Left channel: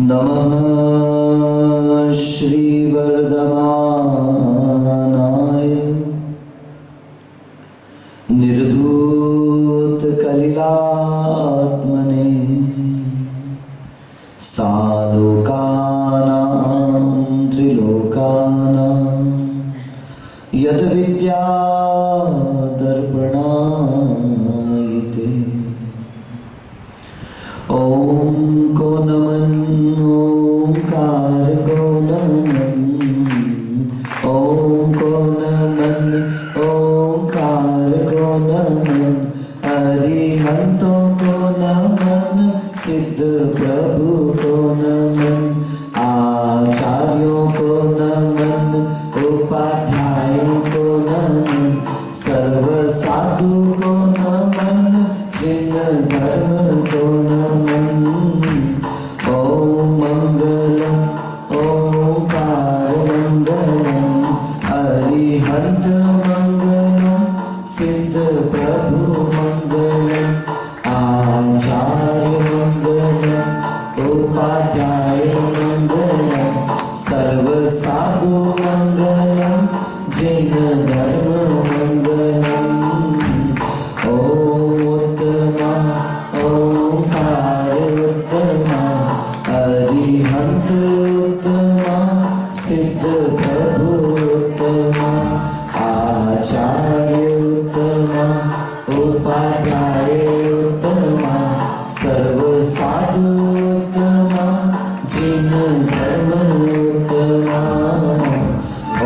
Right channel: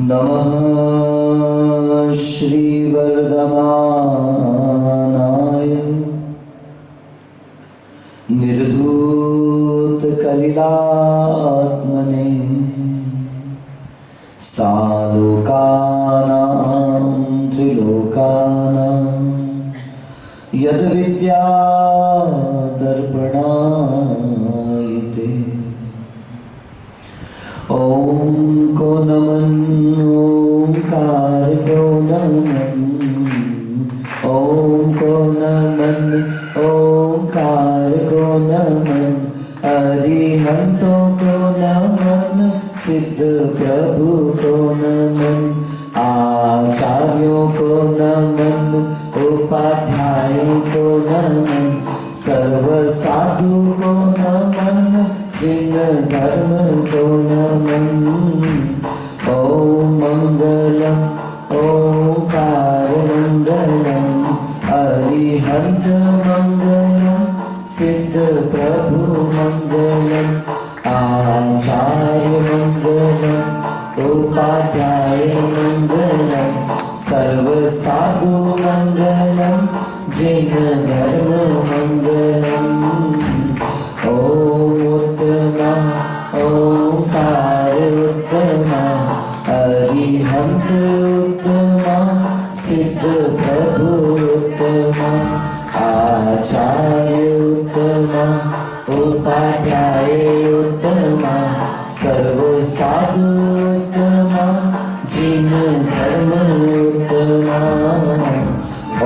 नमः श्रीवर्धमानाय निर्धूतकलिलात्मने सालोकानां त्रिलोकानां यद्विद्या दर्पणायते। ॐ को नमन् ओंकार को नमन् ॐ को नमन् ओंकार को नमन् अरिहंतों को नमन् सिद्ध प्रभु को नमन् आचार्यों को नमन् उपाध्यायों को नमन् सर्व साधु को नमन् जिन धर्म को नमन्। ओम मंगलम ओंकार मंगलम अरिहंत मंगलम सिद्ध प्रभु मंगलम आचार्य मंगलम उपाध्याय मंगलम सर्व साधु मंगलम जिन धर्म मंगलम। उत्तमा ओंकार उत्तमा अरिहंत उत्तमा सिद्ध प्रभु उत्तमा आचार्य उत्तमा उपाध्याय उत्तमा सर्व साधु उत्तमा जिन धर्म उत्तमा।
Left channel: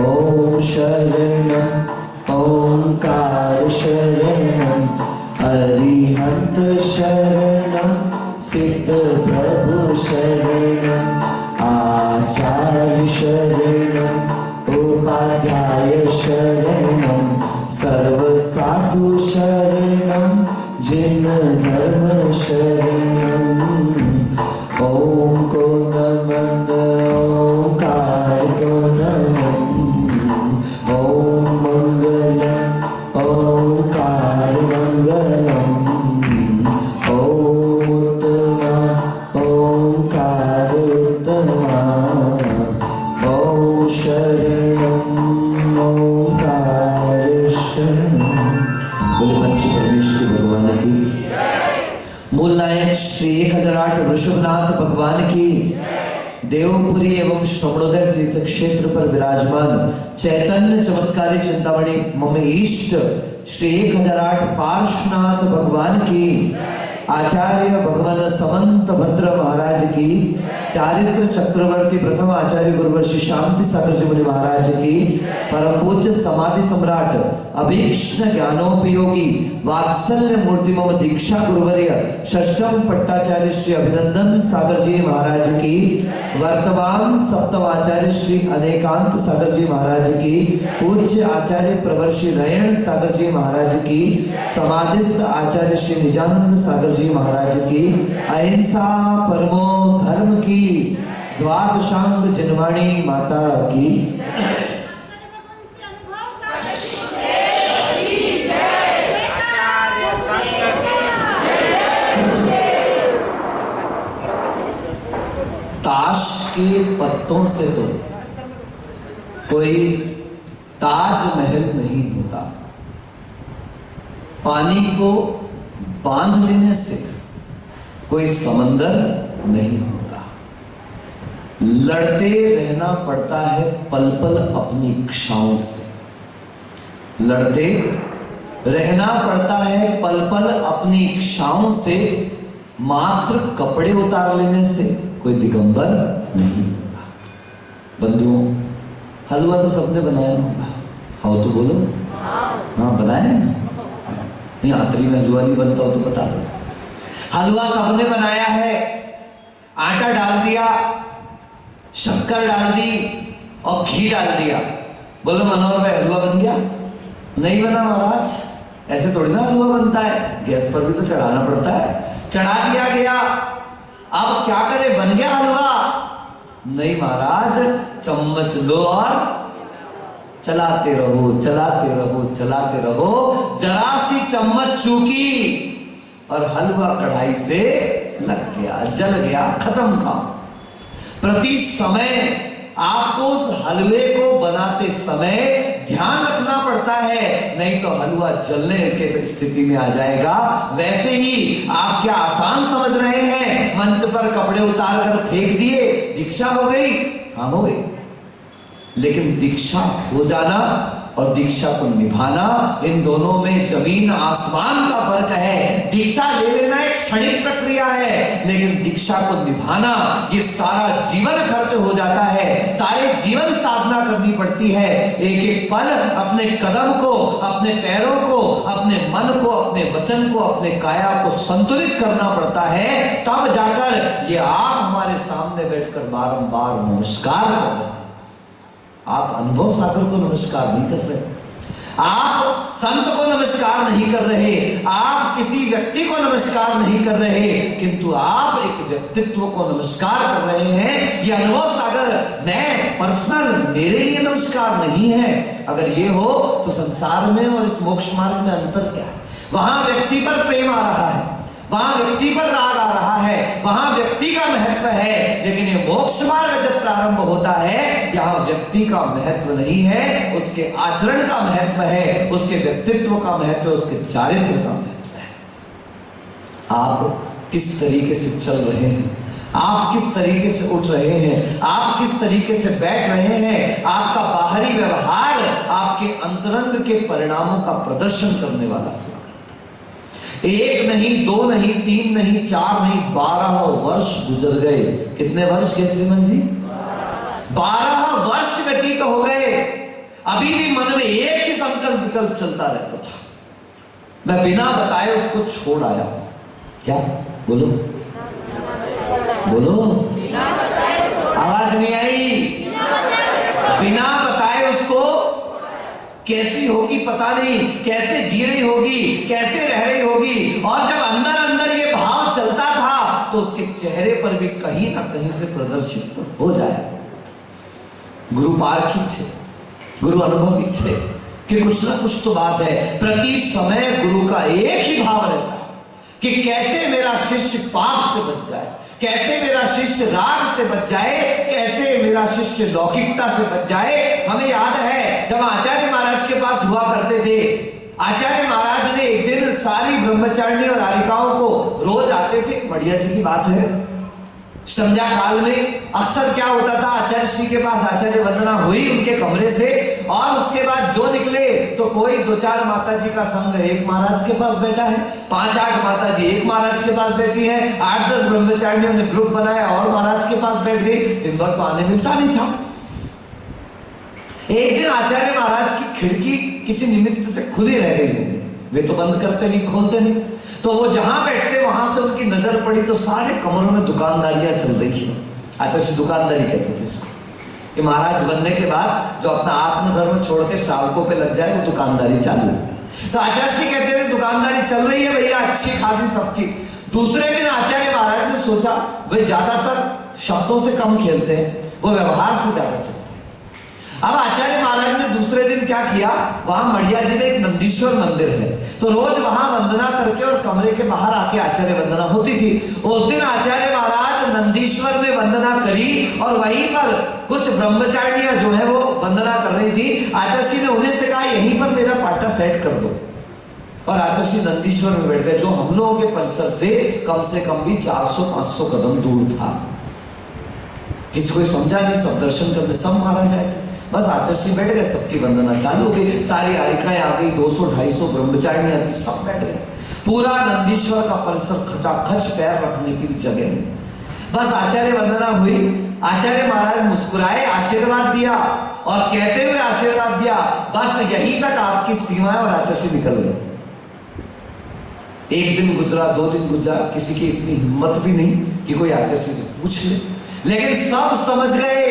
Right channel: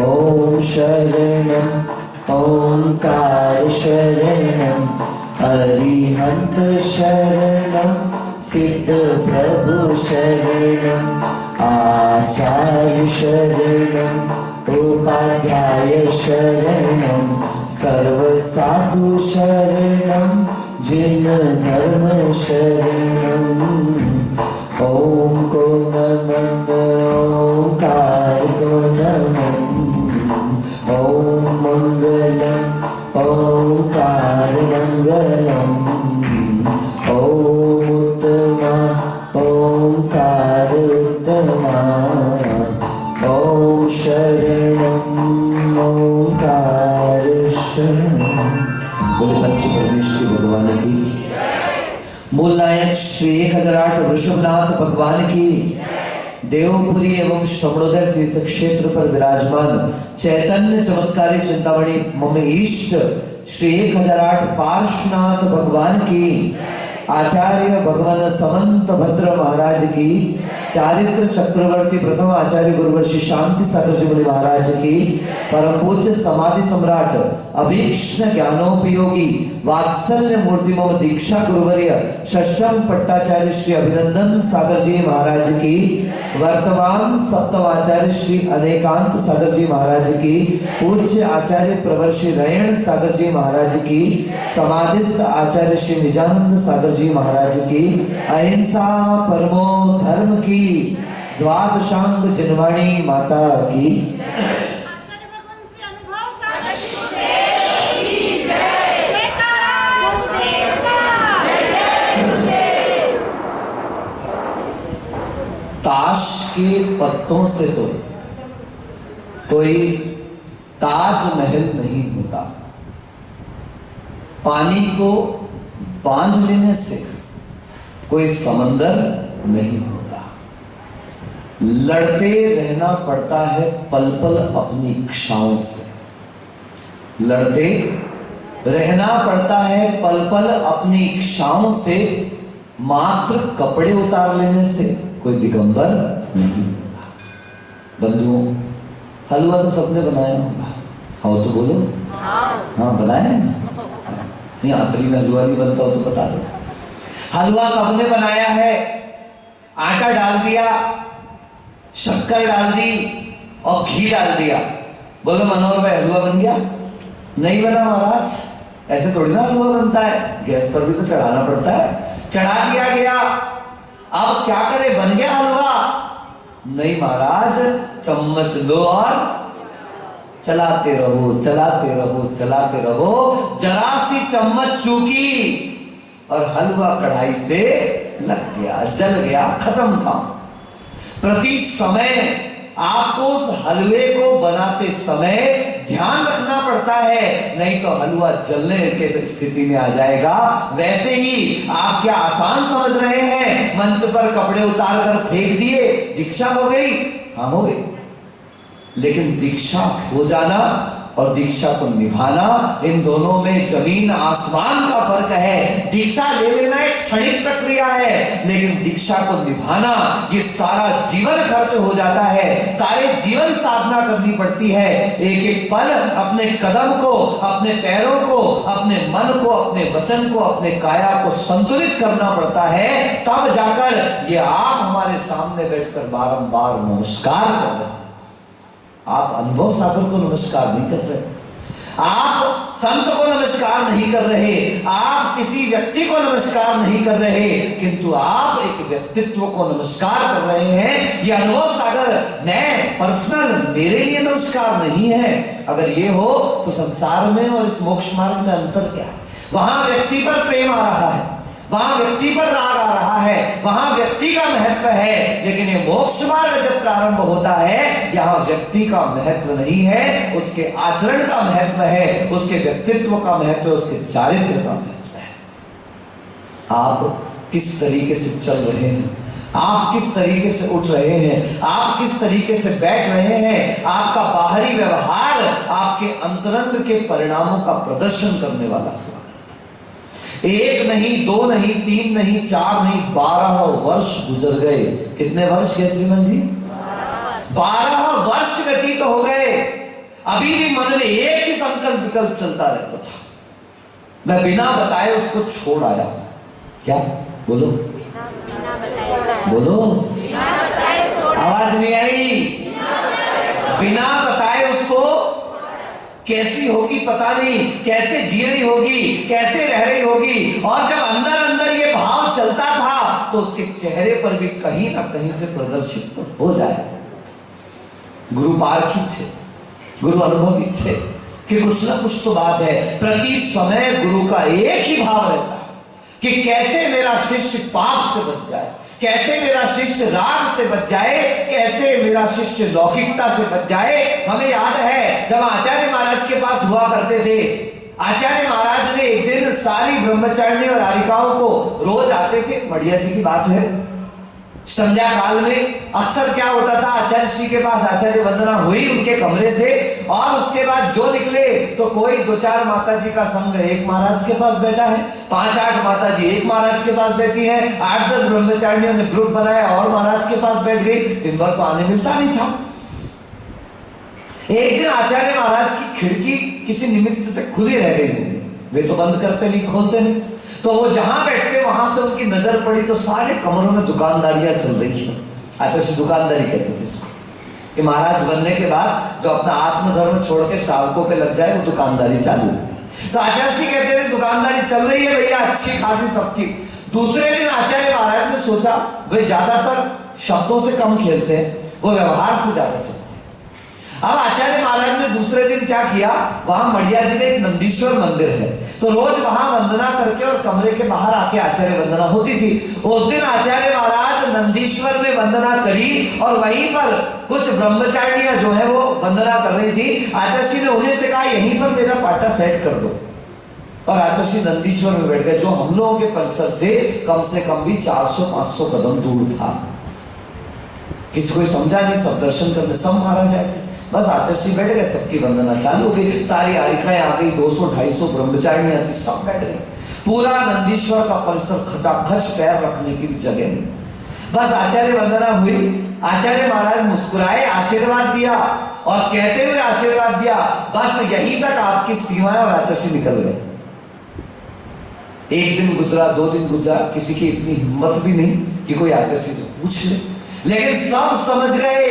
ओम शरणं ओंकार शरणं अरिहंत शरणं सिद्ध प्रभु शरणं आचार्य शरणं उपाध्याय शरणं सर्व साधु शरणं जिन धर्म शरणं। ओम को नमः ओंकार को नमः ओम मंगलम ओंकार मंगलम ओम उत्तमा ओंकार उत्तमा ओम शरणं ओंकार शरणं। बोले पंच परमेश्वर भगवान की, मूल नायक श्री 1008 वृषभनाथ भगवान की, देवपुरी एवं श्रवणोदय तीर्थ क्षेत्र पर विराजमान चैतन्य चमत्कारी चिंतामणि मम इष्ट श्री 1008 पार्श्वनाथ भगवान की, आचार्य भगवान समंत भद्र महाराज की, चारित्र चक्रवर्ती प्रथम आचार्य गुरुवर्षि शांति सागर जी मुनि महाराज की, परम पूज्य समाधि सम्राट अभीक्ष्ण ज्ञानोपयोगी वात्सल्य मूर्ति मम दीक्षा गुरुवर्य षष्ठम पट्टाचार्य श्री अभिनंदन सागर जी महाराज की, वर्तमान सप्तम आचार्य श्री अनेकांत सागर जी महाराज की, पूज्य आचार्य प्रवर्षि रयण सागर जी महाराज की, समाधिस्थ आचार्य श्री निजानंद सागर जी महाराज की, अहिंसा परमो धर्म की द्वादशांग जनवाणी माता की। ताश के पत्तों से तो कोई ताजमहल नहीं होता, पानी को बांध लेने से कोई समंदर नहीं होता, लड़ते रहना पड़ता है पल पल अपनी इच्छाओं से, लड़ते रहना पड़ता है पल पल अपनी इच्छाओं से, मात्र कपड़े उतार लेने से कोई दिगंबर नहीं होता। बंधुओं, हलवा तो सबने बनाया होगा, हाँ तो बोलो हाँ बनाया है ना? नहीं आतरी में हलवा नहीं बनता हो तो बता दो। हलवा सबने बनाया है, आटा डाल दिया, शक्कर डाल दी और घी डाल दिया, बोलो मनोहर भाई हलवा बन गया? नहीं बना महाराज, ऐसे थोड़ी ना हलवा बनता है, गैस पर भी तो चढ़ाना पड़ता है, चढ़ा दिया गया, अब क्या करे बन गया हलवा? नहीं महाराज, चम्मच लो और चलाते रहो चलाते रहो चलाते रहो, जरा सी चम्मच चूकी और हलवा कढ़ाई से लग गया, जल गया, खत्म काम। प्रति समय आपको उस हलवे को बनाते समय ध्यान रखना पड़ता है, नहीं तो हलवा जलने के स्थिति में आ जाएगा। वैसे ही आप क्या आसान समझ रहे हैं, मंच पर कपड़े उतार कर फेंक दिए, दीक्षा हो गई? हाँ हो गई। लेकिन दीक्षा हो जाना और दीक्षा को निभाना, इन दोनों में जमीन आसमान का फर्क है। दीक्षा ले लेना एक क्षणिक प्रक्रिया है, लेकिन दीक्षा को निभाना ये सारा जीवन खर्च हो जाता है, सारे जीवन साधना करनी पड़ती है। एक एक पल अपने कदम को, अपने पैरों को, अपने मन को, अपने वचन को, अपने काया को संतुलित करना पड़ता है, तब जाकर ये आप हमारे सामने बैठकर बारंबार नमस्कार कर रहे हैं। आप अनुभव सागर को नमस्कार नहीं कर रहे, आप संत को नमस्कार नहीं कर रहे, आप किसी व्यक्ति को नमस्कार नहीं कर रहे, किंतु आप एक व्यक्तित्व को नमस्कार कर रहे हैं। ये अनुभव सागर मैं पर्सनल, मेरे लिए नमस्कार नहीं है। अगर ये हो तो संसार में और इस मोक्ष मार्ग में अंतर क्या है? वहां व्यक्ति पर प्रेम आ रहा है, वहां व्यक्ति पर राग आ रहा है, वहां व्यक्ति का महत्व है। लेकिन ये मोक्ष मार्ग जब प्रारंभ होता है, यहाँ व्यक्ति का महत्व नहीं है, उसके आचरण का महत्व है, उसके व्यक्तित्व का महत्व, उसके चारित्र का महत्व है। आप किस तरीके से चल रहे हैं, आप किस तरीके से उठ रहे हैं, आप किस तरीके से बैठ रहे हैं, आपका बाहरी व्यवहार आपके अंतरंग के परिणामों का प्रदर्शन करने वाला हुआ। एक नहीं, दो नहीं, तीन नहीं, चार नहीं, 12 वर्ष गुजर गए। कितने वर्ष गए श्रीमन जी? 12 वर्ष व्यतीत हो गए। अभी भी मन में एक ही संकल्प विकल्प चलता रहता था, मैं बिना बताए उसको छोड़ आया हूं। क्या? बोलो बोलो, आवाज नहीं आई। बिना बताए उसको, कैसी होगी पता नहीं, कैसे जी रही होगी, कैसे रह रही होगी, और जब अंदर अंदर ये भाव चलता था तो उसके चेहरे पर भी कहीं ना कहीं से प्रदर्शित तो हो जाए। गुरु पारखी छे, गुरु अनुभवी छे कि कुछ ना कुछ तो बात है। प्रति समय गुरु का एक ही भाव रहता है कि कैसे मेरा शिष्य पाप से बच जाए, कैसे मेरा शिष्य राग से बच जाए, कैसे मेरा शिष्य लौकिकता से बच जाए। हमें याद है जब आचार्य महाराज के पास हुआ करते थे, आचार्य महाराज ने एक दिन सारी ब्रह्मचारिणी और आरिकाओं को रोज आते थे, बढ़िया जी की बात है, संध्या काल में अक्सर क्या होता था, आचार्य श्री के पास आचार्य वंदना हुई उनके कमरे से, और उसके बाद जो निकले तो कोई 2-4 माता जी का संग एक महाराज के पास बैठा है, 5-8 माता जी एक महाराज के पास बैठी है, 8-10 ब्रह्मचारिणियों ने ग्रुप बनाया और महाराज के पास बैठ गई। दिन भर तो आने मिलता नहीं था। एक दिन आचार्य महाराज की खिड़की किसी निमित्त से खुली रह गई होगी, वे तो बंद करते नहीं, खोलते नहीं, तो वो जहां बैठते वहां से उनकी नजर पड़ी तो सारे कमरों में दुकानदारियां चल रही थी। आचार्य दुकानदारी कहते थे कि महाराज बनने के बाद जो अपना आत्मधर्म छोड़ के सावकों पे लग जाए वो दुकानदारी चालू है। तो आचार्य कहते थे दुकानदारी चल रही है भैया अच्छी खासी सबकी। दूसरे दिन आचार्य महाराज ने सोचा वे ज्यादातर शब्दों से कम खेलते हैं, वो व्यवहार से ज्यादा चलते हैं। अब आचार्य महाराज ने दूसरे दिन क्या किया, वहां मढ़िया जी में एक नंदीश्वर मंदिर है, तो रोज वहां वंदना करके और कमरे के बाहर आके आचार्य वंदना होती थी। उस दिन आचार्य महाराज नंदीश्वर में वंदना करी और वहीं पर कुछ ब्रह्मचारिणियां जो है वो वंदना कर रही थी। आचार्य ने उन्हें से कहा यहीं पर मेरा पाटा सेट कर दो, और आचार्य नंदीश्वर में बैठ गए, जो हम लोगों के परिसर से कम भी 400-500 कदम दूर था। किसी को समझा नहीं, सब दर्शन करने सब महाराज आए थे। बस आचार्य बैठ गए, सबकी वंदना चालू हो गई, सारी आरिकाएं आ गई, 200-250 ब्रह्मचारिणियां थी, सब बैठ गए। पूरा नंदीश्वर का परिसर खचाखच, पैर रखने की जगह नहीं। बस आचार्य वंदना हुई, आचार्य महाराज मुस्कुराए, आशीर्वाद दिया, और कहते हुए आशीर्वाद दिया बस यहीं तक आपकी सीमाएं, और आचार्य निकल गए। एक दिन गुजरा, 2 दिन गुजरा, किसी की इतनी हिम्मत भी नहीं कि कोई आचार्य से पूछ ले, लेकिन सब समझ गए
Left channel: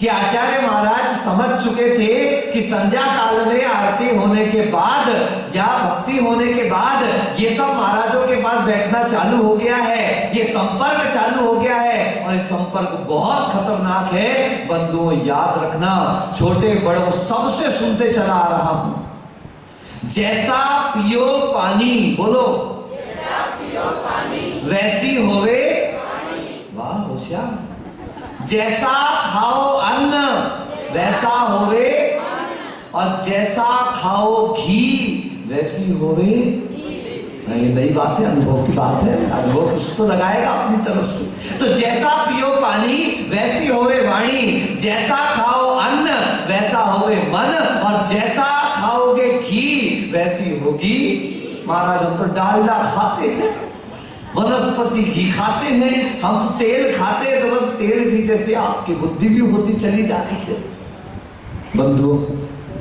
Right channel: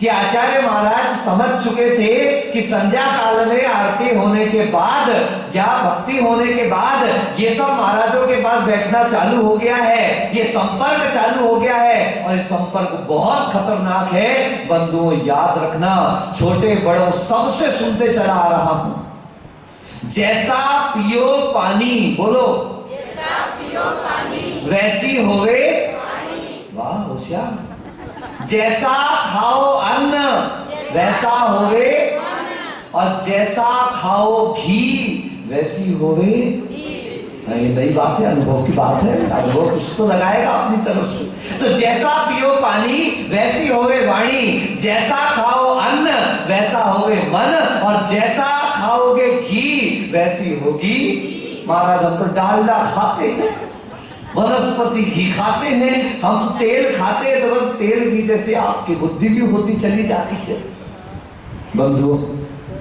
कि आचार्य महाराज समझ चुके थे कि संध्या काल में आरती होने के बाद या भक्ति होने के बाद ये सब महाराजों के पास बैठना चालू हो गया है, ये संपर्क चालू हो गया है, और ये संपर्क बहुत खतरनाक है। बंधुओं याद रखना, छोटे बड़ों सबसे सुनते चला आ रहा हूं, जैसा पियो पानी, बोलो जैसा पियो पानी, वैसी होवे पानी। वाह होशियार। जैसा खाओ अन्न वैसा होवे, और जैसा खाओ घी वैसी होवे। ये नई बात है, अनुभव की बात है, अनुभव कुछ तो लगाएगा अपनी तरफ से। तो जैसा पियो पानी वैसी होवे वाणी, जैसा खाओ अन्न वैसा होवे मन, और जैसा खाओगे घी वैसी होगी। महाराज हम तो डालडा खाते हैं, वनस्पति घी खाते हैं, हम तो तेल खाते हैं, तो बस तेल घी जैसे आपकी बुद्धि भी होती चली जाती है। बंधुओं,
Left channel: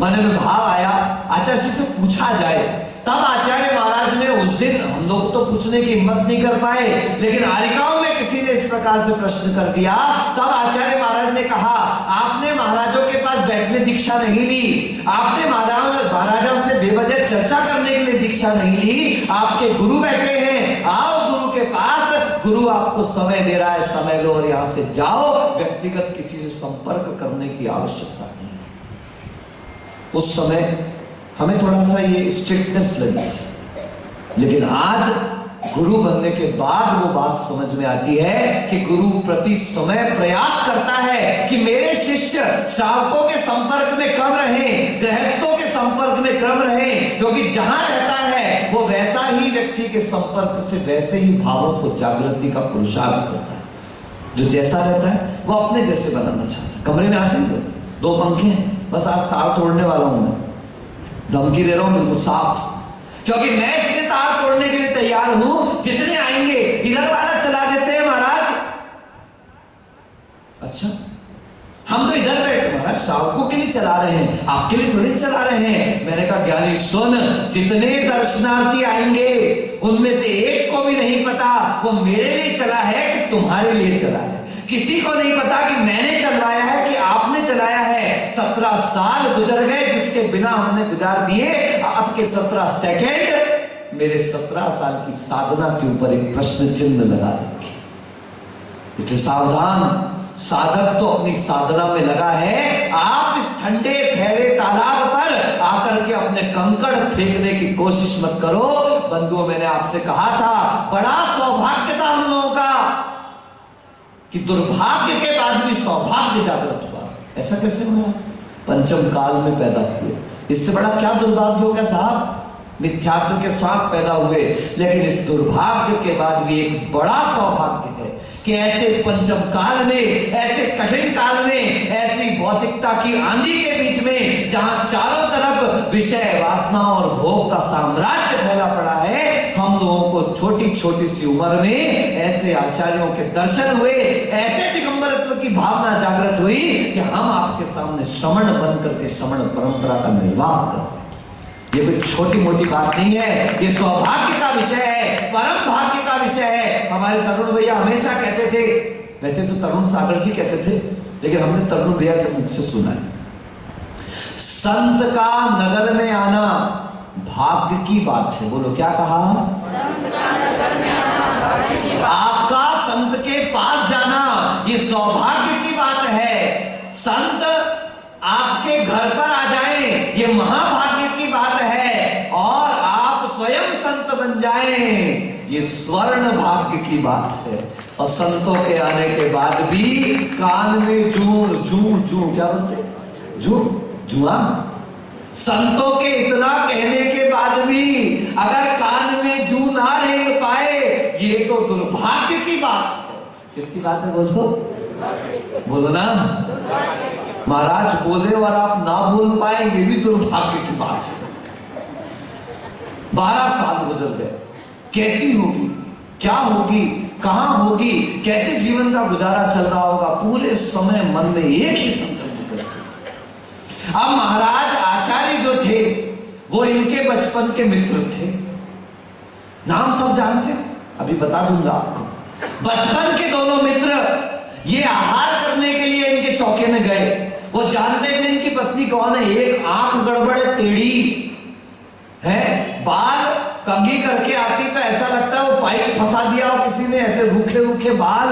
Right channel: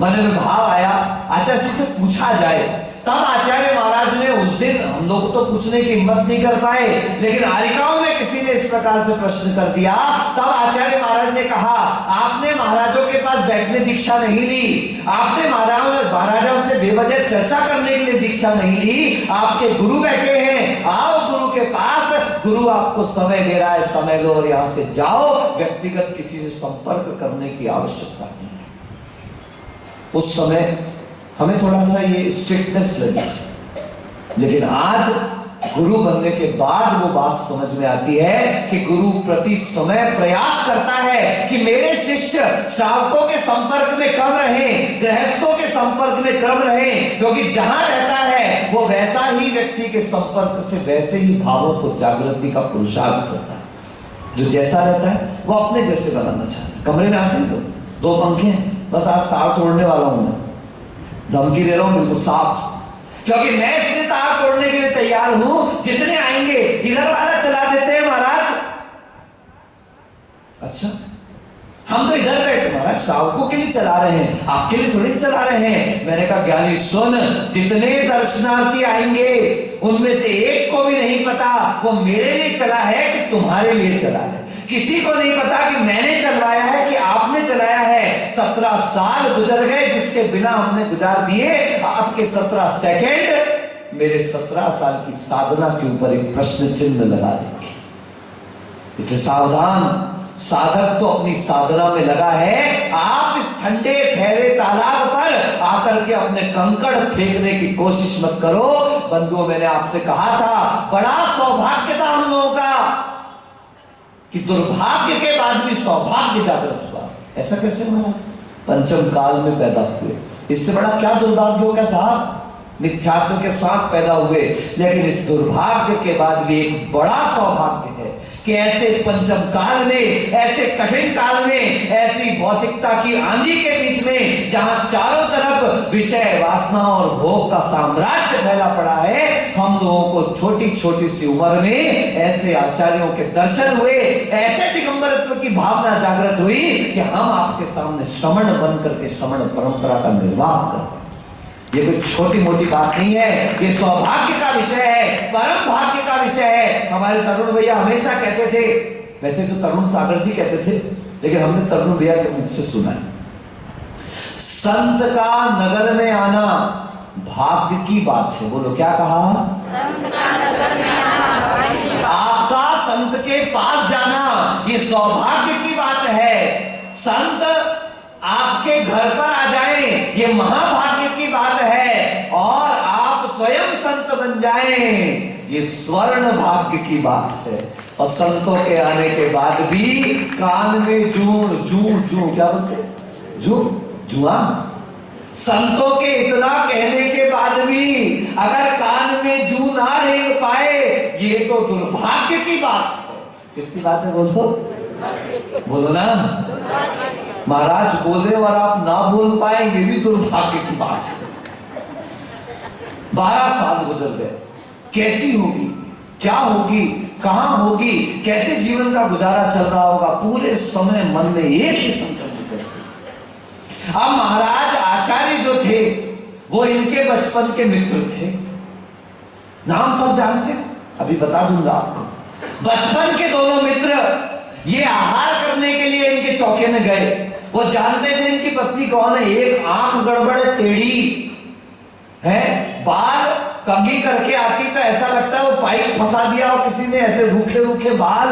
मन में भाव आया, आचार्य से पूछा जाए, तब आचार्य महाराज ने उस दिन, हम लोग तो पूछने की हिम्मत नहीं कर पाए, लेकिन आरिकाओं में किसी ने इस प्रकार से प्रश्न कर दिया। तब आचार्य महाराज ने कहा, आपने महाराजों के पास बैठने दीक्षा नहीं ली, आपने महाराजों से बेवजह चर्चा करने के लिए दीक्षा नहीं ली, आपके गुरु बैठे हैं, आओ गुरु के पास, गुरु आपको समय दे रहा है, समय लो और यहां से जाओ, व्यक्तिगत किसी से संपर्क करने की आवश्यकता नहीं। उस समय हमें थोड़ा सा ये स्ट्रिक्टनेस लगी, लेकिन आज गुरु बनने के बाद वो बात समझ में आती है कि गुरु प्रति समय प्रयास करता है कि मेरे शिष्य श्रावकों के संपर्क में कब रहे, गृहस्थों के संपर्क में कब रहे, क्योंकि जहां रहता है वो वैसा ही व्यक्ति के संपर्क से वैसे ही भावों को जागृति का पुरुषार्थ करता है। जो जैसा रहता है वो अपने जैसे बनाना चाहता है। कमरे में आते हैं, दो पंखे हैं, बस आज तार तोड़ने वाला हूं मैं, धमकी दे रहा हूं बिल्कुल साफ, क्योंकि मैं इसलिए तार तोड़ने के लिए तैयार हूं, जितने आएंगे इधर वाला चला देते हैं महाराज। अच्छा, हम तो इधर बैठे महाराज श्रावकों के लिए चला रहे हैं, आपके लिए थोड़ी चला रहे हैं। मैंने कहा ज्ञानी सुन, जितने दर्शनार्थी आएंगे उनमें से एक को भी नहीं पता वो मेरे लिए चला है कि तुम्हारे लिए चला है। किसी को नहीं पता कि मैंने चलवाया है कि आपने चलाया है। 17 साल गुजर गए जिसके बिना हमने गुजार दिए, आपके 17 सेकंड मेरे 17 साल की साधना के ऊपर एक प्रश्न चिन्ह लगा देंगे। इसलिए सावधान, साधक तो अपनी साधना में लगा है, आप इस ठंडे ठहरे तालाब पर आकर के अपने कंकड़ फेंकने की कोशिश मत करो। बंधुओं, मैंने आपसे कहा था, बड़ा सौभाग्य था हम लोगों का कि दुर्भाग्य के बाद भी सौभाग्य जागृत हुआ। ऐसा कैसे हुआ? पंचम काल में पैदा हुए, इससे बड़ा क्या दुर्भाग्य होगा साहब? मिथ्यात्व के साथ पैदा हुए, लेकिन इस दुर्भाग्य के बाद भी एक बड़ा सौभाग्य है कि ऐसे पंचम काल में, ऐसे कठिन काल में, ऐसी भौतिकता की आंधी के बीच में, जहां चारों तरफ विषय, वासना और भोग का साम्राज्य फैला पड़ा है, हम लोगों को छोटी छोटी सी उम्र में ऐसे आचार्यों के दर्शन हुए, ऐसे दिगंबरत्व की भावना जागृत हुई कि हम आपके सामने श्रमण बन करके श्रमण परंपरा का निर्वाह कर रहे हैं। ये कोई छोटी मोटी बात नहीं है, ये सौभाग्य का विषय है, परम भाग्य का विषय है। हमारे तरुण भैया हमेशा कहते थे, वैसे तो तरुण सागर जी कहते थे, लेकिन हमने तरुण भैया के मुख से सुना है, संत का नगर में आना भाग्य की बात है। बोलो क्या कहा? संत का नगर में आना, आपका संत के पास जाना ये सौभाग्य की बात है। संत आपके घर पर आ जाएं ये महाभाग्य की बात है, और आप स्वयं संत बन जाएं ये स्वर्ण भाग्य की बात है। और संतों के आने के बाद भी कान में जू जू जू क्या बोलते, जू जुआ, संतों के इतना कहने के बाद भी अगर कान में जू ना रह पाए ये तो दुर्भाग्य की बात है। किसकी बात है? बोलो बोलो ना महाराज, बोले और आप ना बोल पाए ये भी दुर्भाग्य की बात है। 12 साल गुजर गए, कैसी होगी, क्या होगी, कहां होगी, कैसे जीवन का गुजारा चल रहा होगा, पूरे समय मन में एक ही संकल्प करते। अब महाराज आचार्य जो थे वो इनके बचपन के मित्र थे, नाम सब जानते हो, अभी बता दूंगा आपको। बचपन के दोनों मित्र ये आहार करने के लिए इनके चौके में गए। वो जानते थे इनकी पत्नी कौन है, एक आंख गड़बड़ टेढ़ी है, बाल कंघी करके आती तो ऐसा लगता है वो पाइप फंसा दिया हो किसी ने, ऐसे रूखे रूखे बाल,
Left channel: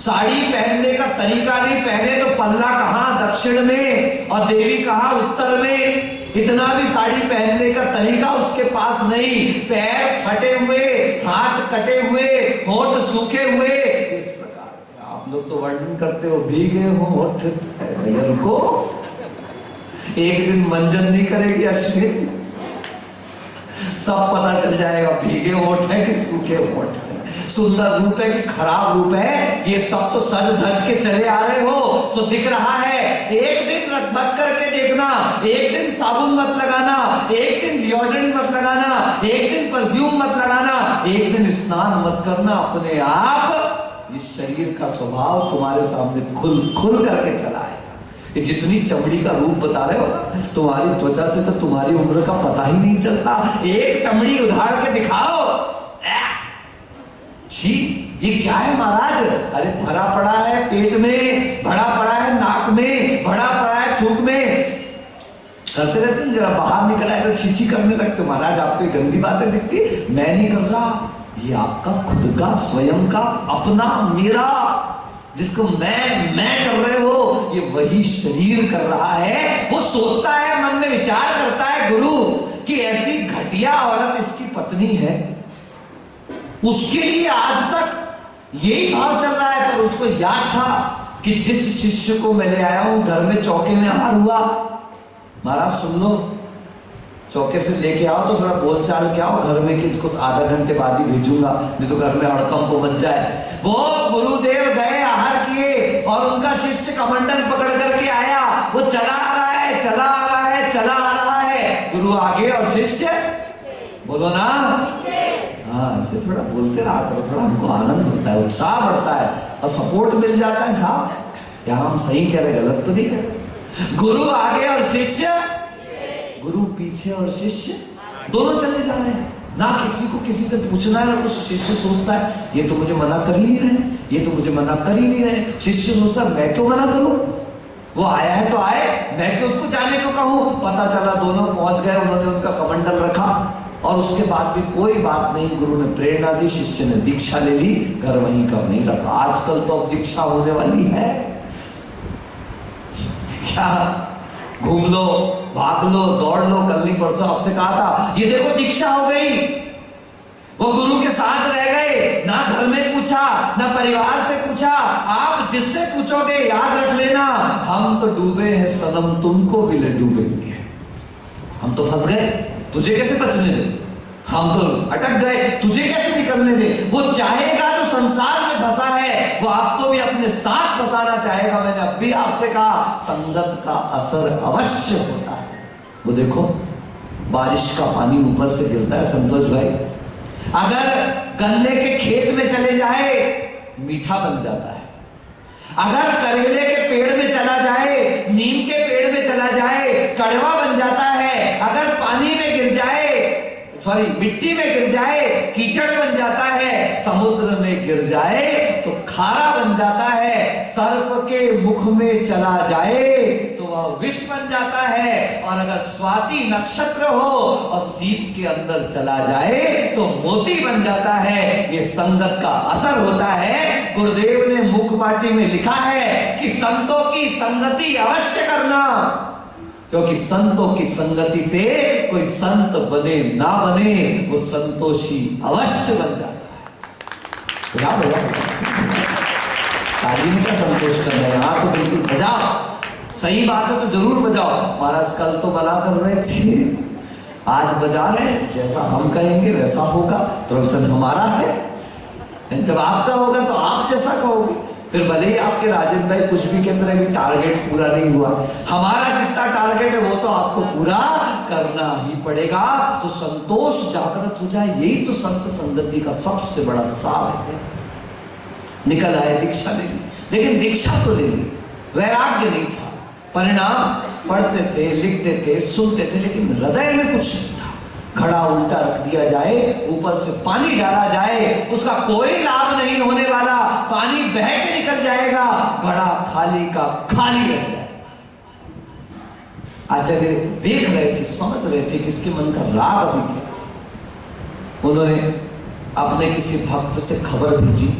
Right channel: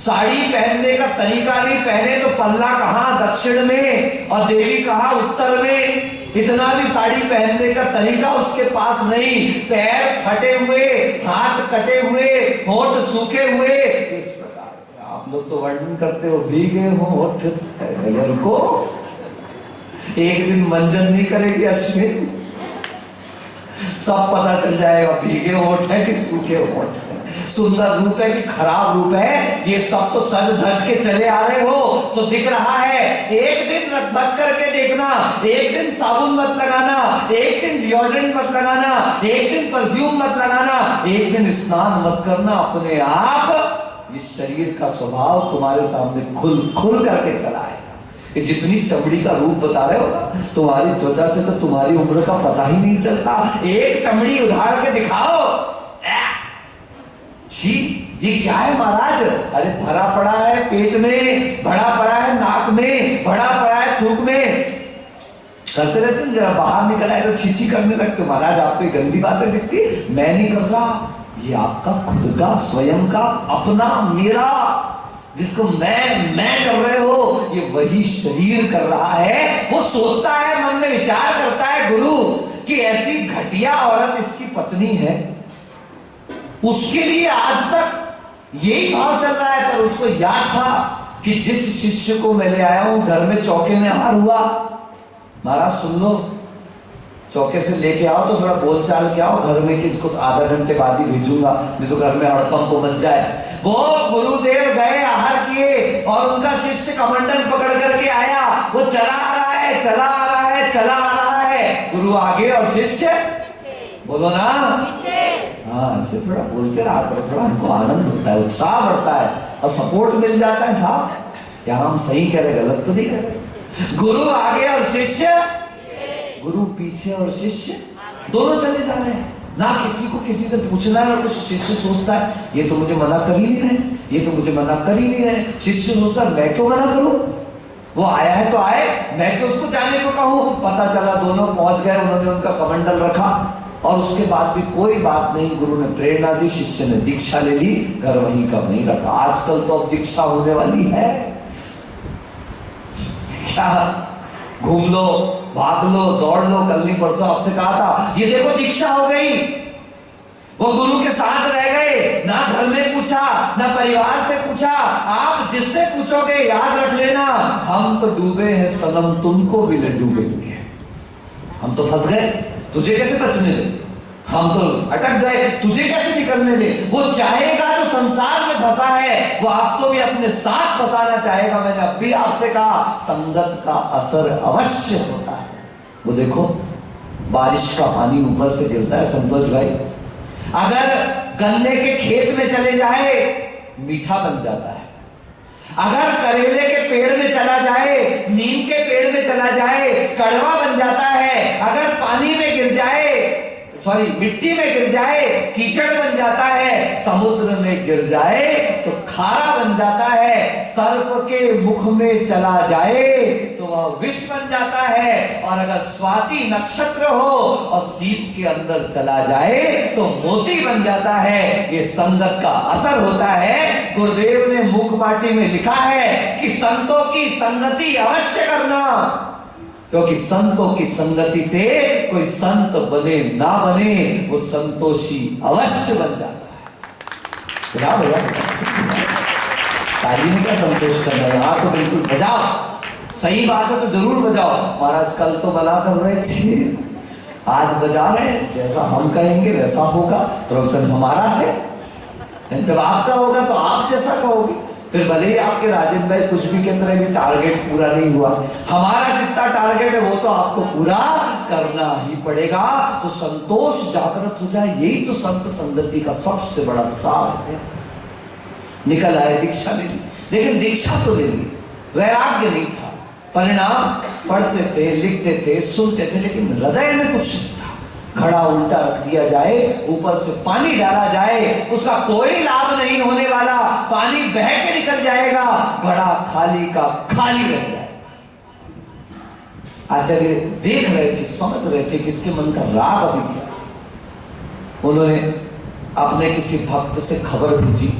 साड़ी पहनने का तरीका नहीं, पहने तो पल्ला कहां दक्षिण में और देवी कहां उत्तर में, इतना भी साड़ी पहनने का तरीका उसके पास नहीं, पैर फटे हुए, हाथ कटे हुए, होंठ सूखे हुए, इस प्रकार आप लोग तो वर्णन करते हो भीगे होठ, भैया रुको, एक दिन मंजन नहीं करेगी अश्विन, सब पता चल जाएगा भीगे होठ है कि सूखे होठ है, सुंदर रूप है कि खराब रूप है, ये सब तो सज धज के चले आ रहे हो तो दिख रहा है। एक दिन मत करके देखना, एक दिन साबुन मत लगाना, एक दिन डिओड्रेंट मत लगाना, एक दिन परफ्यूम मत लगाना, एक दिन स्नान मत करना, अपने आप इस शरीर का स्वभाव तुम्हारे सामने खुल करके चला आएगा। ये जितनी चमड़ी का रूप बता रहे हो ना, तुम्हारी त्वचा से तो तुम्हारी उम्र का पता ही नहीं चलता। एक चमड़ी उधार के दिखाओ, छी ये क्या है महाराज? अरे भरा पड़ा है पेट में, भरा पड़ा है नाक में, भरा पड़ा है थूक में, करते रहते जरा बाहर निकल आए तो छीछी करने लगते। महाराज आपको गंदी बातें दिखती, मैं नहीं कर रहा, ये आपका खुद का स्वयं का अपना मेरा, जिसको मैं कर रहे हो, ये वही शरीर कर रहा है। वो सोचता है, मन में विचार करता है गुरु कि ऐसी घटिया औरत इसकी पत्नी है, उसके लिए आज तक यही भाव चल रहा है। पर उसको याद था कि जिस शिष्य को मैं ले आया हूं घर में चौके में आहार हुआ, महाराज सुन लो, चौके से लेके आओ तो थोड़ा बोलचाल के आओ घर में कि इसको आधा घंटे बाद ही भेजूंगा, नहीं तो घर में हड़कंप मच जाए। वो गुरुदेव गए आहार किए और उनका शिष्य कमंडल पकड़ करके आया, वो चला आ रहा है, चला आ रहा है, चला आ रहा है, गुरु आगे और शिष्य बोलो ना, हाँ ऐसे थोड़ा बोलते रहा करो, थोड़ा हमको आनंद होता है, उत्साह बढ़ता है और सपोर्ट मिल जाता है। साहब यहाँ हम सही कह रहे, गलत तो नहीं कह रहे। गुरु आगे और शिष्य, गुरु पीछे और शिष्य दोनों चले जा रहे हैं। ना किसी को किसी से पूछना है, ना कुछ। शिष्य सोचता है ये तो मुझे मना कर ही नहीं रहे, ये तो मुझे मना कर ही नहीं रहे। शिष्य सोचता है मैं क्यों मना करूं, वो आया है तो आए, मैं क्यों उसको जाने को कहूं। पता चला दोनों पहुंच गए, उन्होंने उनका कमंडल रखा और उसके बाद भी कोई बात नहीं, गुरु ने प्रेरणा दी, शिष्य ने दीक्षा ले ली, घर वहीं का वहीं रखा। आजकल तो अब दीक्षा होने वाली है, क्या घूम लो, भाग लो, दौड़ लो। कल नहीं परसों आपसे कहा था, ये देखो दीक्षा हो गई। वो गुरु के साथ रह गए, ना घर में पूछा, ना परिवार से पूछा। आप जिससे पूछोगे याद रख लेना, हम तो डूबे हैं सनम, तुमको भी ले डूबेंगे। हम तो फंस गए, तुझे कैसे बचने दे, हम तो अटक गए, तुझे कैसे निकलने दे। वो चाहेगा जो संसार में फंसा है, वो आपको भी अपने साथ फंसाना चाहेगा। मैंने अब भी आपसे कहा, संगत का असर अवश्य होता है। वो देखो बारिश का पानी ऊपर से गिरता है संतोष भाई, अगर गन्ने के खेत में चले जाए मीठा बन जाता है, अगर करेले के पेड़ में चला जाए, नीम के पेड़ में चला जाए, कड़वा बन जाता है। अगर पानी में गिर जाए, सॉरी मिट्टी में गिर जाए, कीचड़ बन जाता है। समुद्र में गिर जाए तो खारा बन जाता है। सर्प के मुख में चला जाए तो वह विष बन जाता है। और अगर स्वाति नक्षत्र हो और सीप के अंदर चला जाए तो मोती बन जाता है। ये संगत का असर होता है। गुरुदेव ने मुख पाटी में लिखा है कि संतों की संगति अवश्य करना, क्योंकि संतों की संगति से कोई संत बने ना बने, वो संतोषी अवश्य बन जाता है। तालीम का संतोष करना है, यहाँ तो बिल्कुल बजाओ, सही बात है तो जरूर बजाओ। महाराज कल तो मना कर रहे थे, आज बजा रहे, जैसा हम कहेंगे वैसा होगा। प्रवचन हमारा है, जब आपका होगा तो आप जैसा कहोगे। फिर भले ही आपके राजेंद्र भाई कुछ भी कहते रहे, टारगेट पूरा नहीं हुआ, हमारा जितना टारगेट है वो तो आपको पूरा करना ही पड़ेगा। तो संतोष जागृत हो जाए, यही तो संत संगति का सबसे बड़ा सार है। निकल आए, दीक्षा ले ली, लेकिन दीक्षा तो ले ली, वैराग्य नहीं था। परिणाम पढ़ते थे, लिखते थे, सुनते थे, लेकिन हृदय में कुछ नहीं था। घड़ा उल्टा रख दिया जाए, ऊपर से पानी डाला जाए, उसका कोई लाभ नहीं होने वाला। पानी बह के निकल जाएगा, घड़ा खाली का खाली रह जाएगा। आचार्य देख रहे थे, समझ रहे थे कि इसके मन का राग अभी क्या। उन्होंने अपने किसी भक्त से खबर भेजी,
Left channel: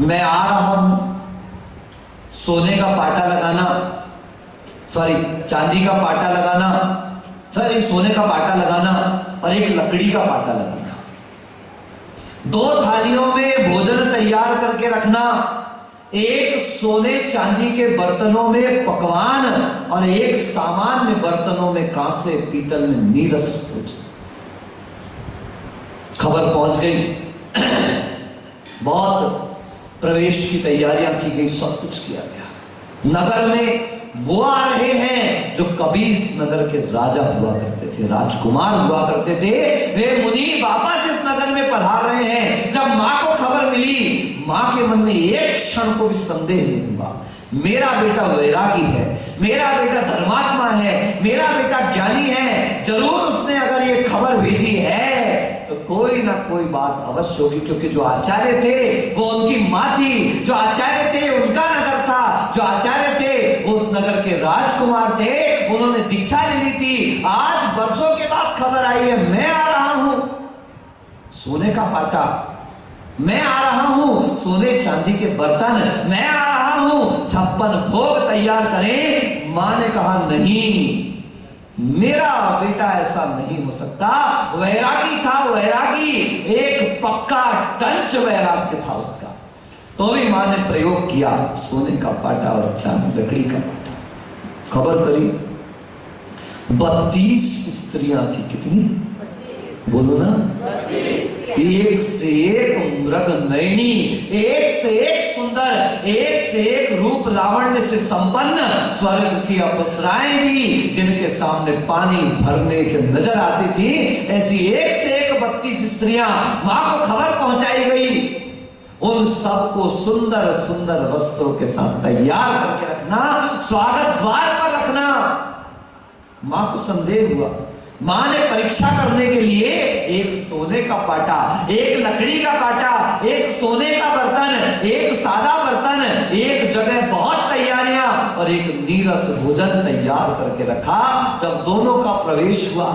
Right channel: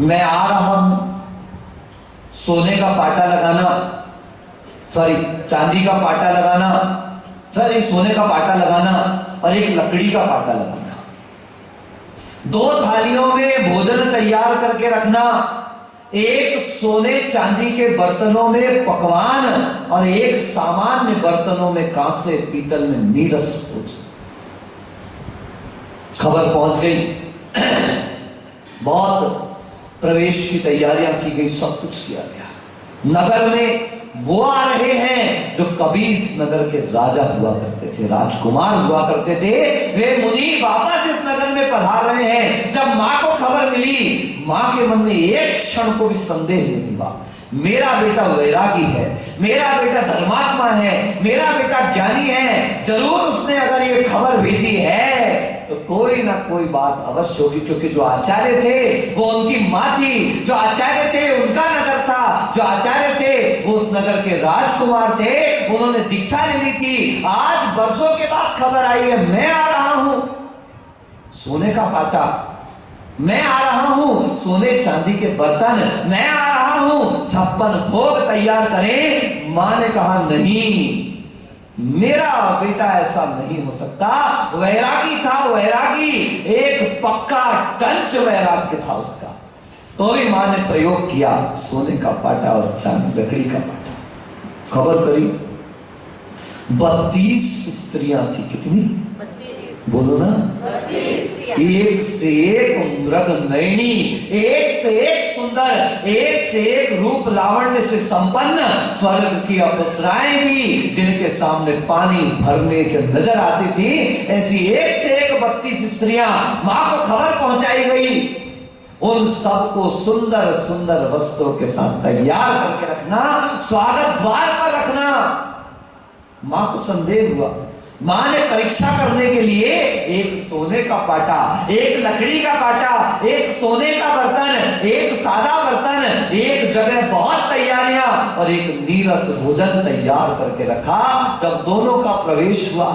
मैं आ रहा हूं, सोने का पाटा लगाना, सॉरी चांदी का पाटा लगाना, सर एक सोने का पाटा लगाना और एक लकड़ी का पाटा लगाना, 2 थालियों में भोजन तैयार करके रखना, एक सोने चांदी के बर्तनों में पकवान और एक सामान्य बर्तनों में कांसे पीतल में नीरस भोजन। खबर पहुंच गई, बहुत प्रवेश की तैयारियां की गई, सब कुछ किया गया। नगर में वो आ रहे हैं जो कभी इस नगर के राजा हुआ करते थे, राजकुमार हुआ करते थे। वे मुनि वापस इस नगर में पधार रहे हैं। जब मां को खबर मिली, मां के मन में एक क्षण को भी संदेह नहीं हुआ, मेरा बेटा वैरागी है, मेरा बेटा धर्मात्मा है, मेरा बेटा ज्ञानी है, जरूर उसने अगर ये खबर भेजी है तो कोई ना कोई बात अवश्य होगी। क्योंकि जो आचार्य थे वो उनकी मां थी, जो आचार्य थे उनका नगर था, जो आचार्य थे वो उस नगर के राजकुमार थे, उन्होंने दीक्षा ले ली थी। आज बरसों के बाद खबर आई है, मैं आ रहा हूं सोने का पाटा, मैं आ रहा हूं सोने चांदी के बर्तन, मैं आ रहा हूं 56 भोग तैयार करें। मां ने कहा नहीं, मेरा बेटा ऐसा नहीं हो सकता। वैरागी था, वैरागी, एक पक्का टंच वैराग्य था उसका। तो भी मां ने प्रयोग किया, सोने का पाटा और चांदी लकड़ी का पाटा। खबर करी 32 स्त्रियां थी। कितनी? 32। बोलो ना, 32। एक से एक मृग नयनी, एक से एक सुंदर, एक से एक रूप लावण्य से संपन्न, स्वर्ग की अप्सराएं भी जिनके सामने पानी भरने के नजर आती थी, ऐसी एक से एक 32 स्त्रियां मां को खबर पहुंचाई गई। उन सबको सुंदर सुंदर वस्त्रों के साथ तैयार करके रखना, स्वागत द्वार पर रखना। मां को संदेह हुआ। मां ने परीक्षा करने के लिए एक सोने का पाटा, एक लकड़ी का पाटा, एक सोने का बर्तन, एक सादा बर्तन, एक जगह बहुत तैयारियां और एक नीरस भोजन तैयार करके रखा। जब दोनों का प्रवेश हुआ,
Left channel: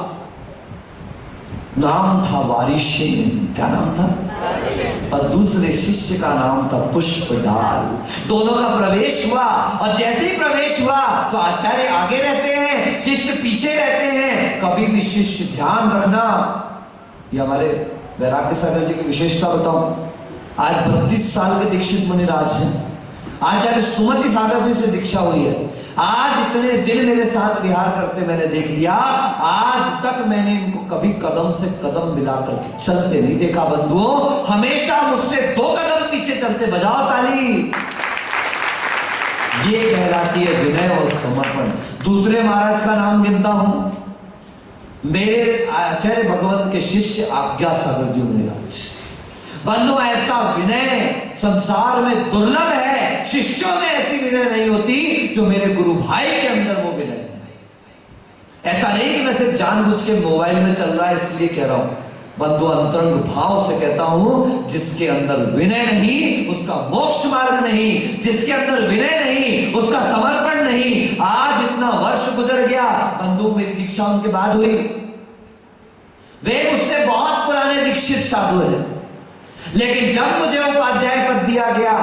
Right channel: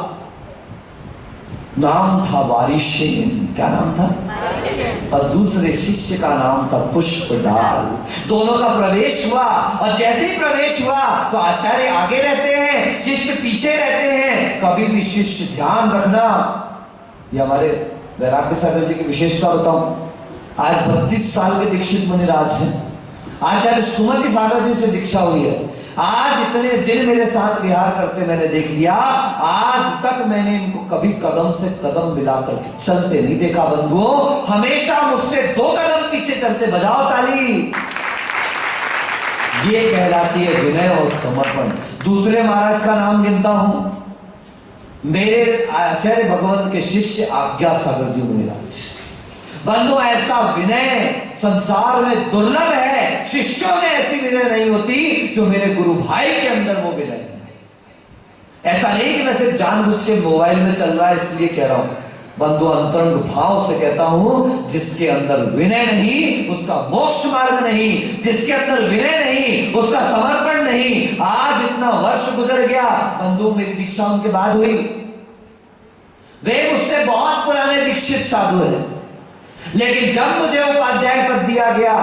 नाम था वारिशेन। क्या नाम था? और दूसरे शिष्य का नाम था पुष्पडाल। दोनों का प्रवेश हुआ और जैसे ही प्रवेश हुआ तो आचार्य आगे रहते हैं, शिष्य पीछे रहते हैं। कभी भी शिष्य ध्यान रखना, ये हमारे वैराग्य सागर जी की विशेषता बताऊं। आज 32 साल के दीक्षित मुनिराज हैं। आचार्य सुमति सागर जी से दीक्षा हुई है। आज इतने दिन मेरे साथ विहार करते मैंने देख लिया, आज तक मैंने इनको कभी कदम से कदम मिलाकर चलते नहीं देखा। बंधुओं, हमेशा मुझसे 2 कदम पीछे चलते। बजाओ ताली। ये कहलाती है विनय और समर्पण। दूसरे महाराज का नाम गिनता हूं, मेरे आचार्य भगवंत के शिष्य आज्ञा सागर जी मुनिराज। बंधु, ऐसा विनय संसार में दुर्लभ है। शिष्यों में ऐसी विनय नहीं होती जो मेरे गुरु भाई के अंदर वो विनय है। ऐसा नहीं कि मैं सिर्फ जानबूझ के मोबाइल में चल रहा है इसलिए कह रहा हूं। बंधु, अंतरंग भाव से कहता हूं, जिसके अंदर विनय नहीं उसका मोक्ष मार्ग नहीं, जिसके अंदर विनय नहीं उसका समर्पण नहीं। आज इतना वर्ष गुजर गया बंधु, मेरी दीक्षा उनके बाद हुई। वे मुझसे बहुत पुराने दीक्षित साधु हैं, लेकिन जब मुझे उपाध्याय पद दिया गया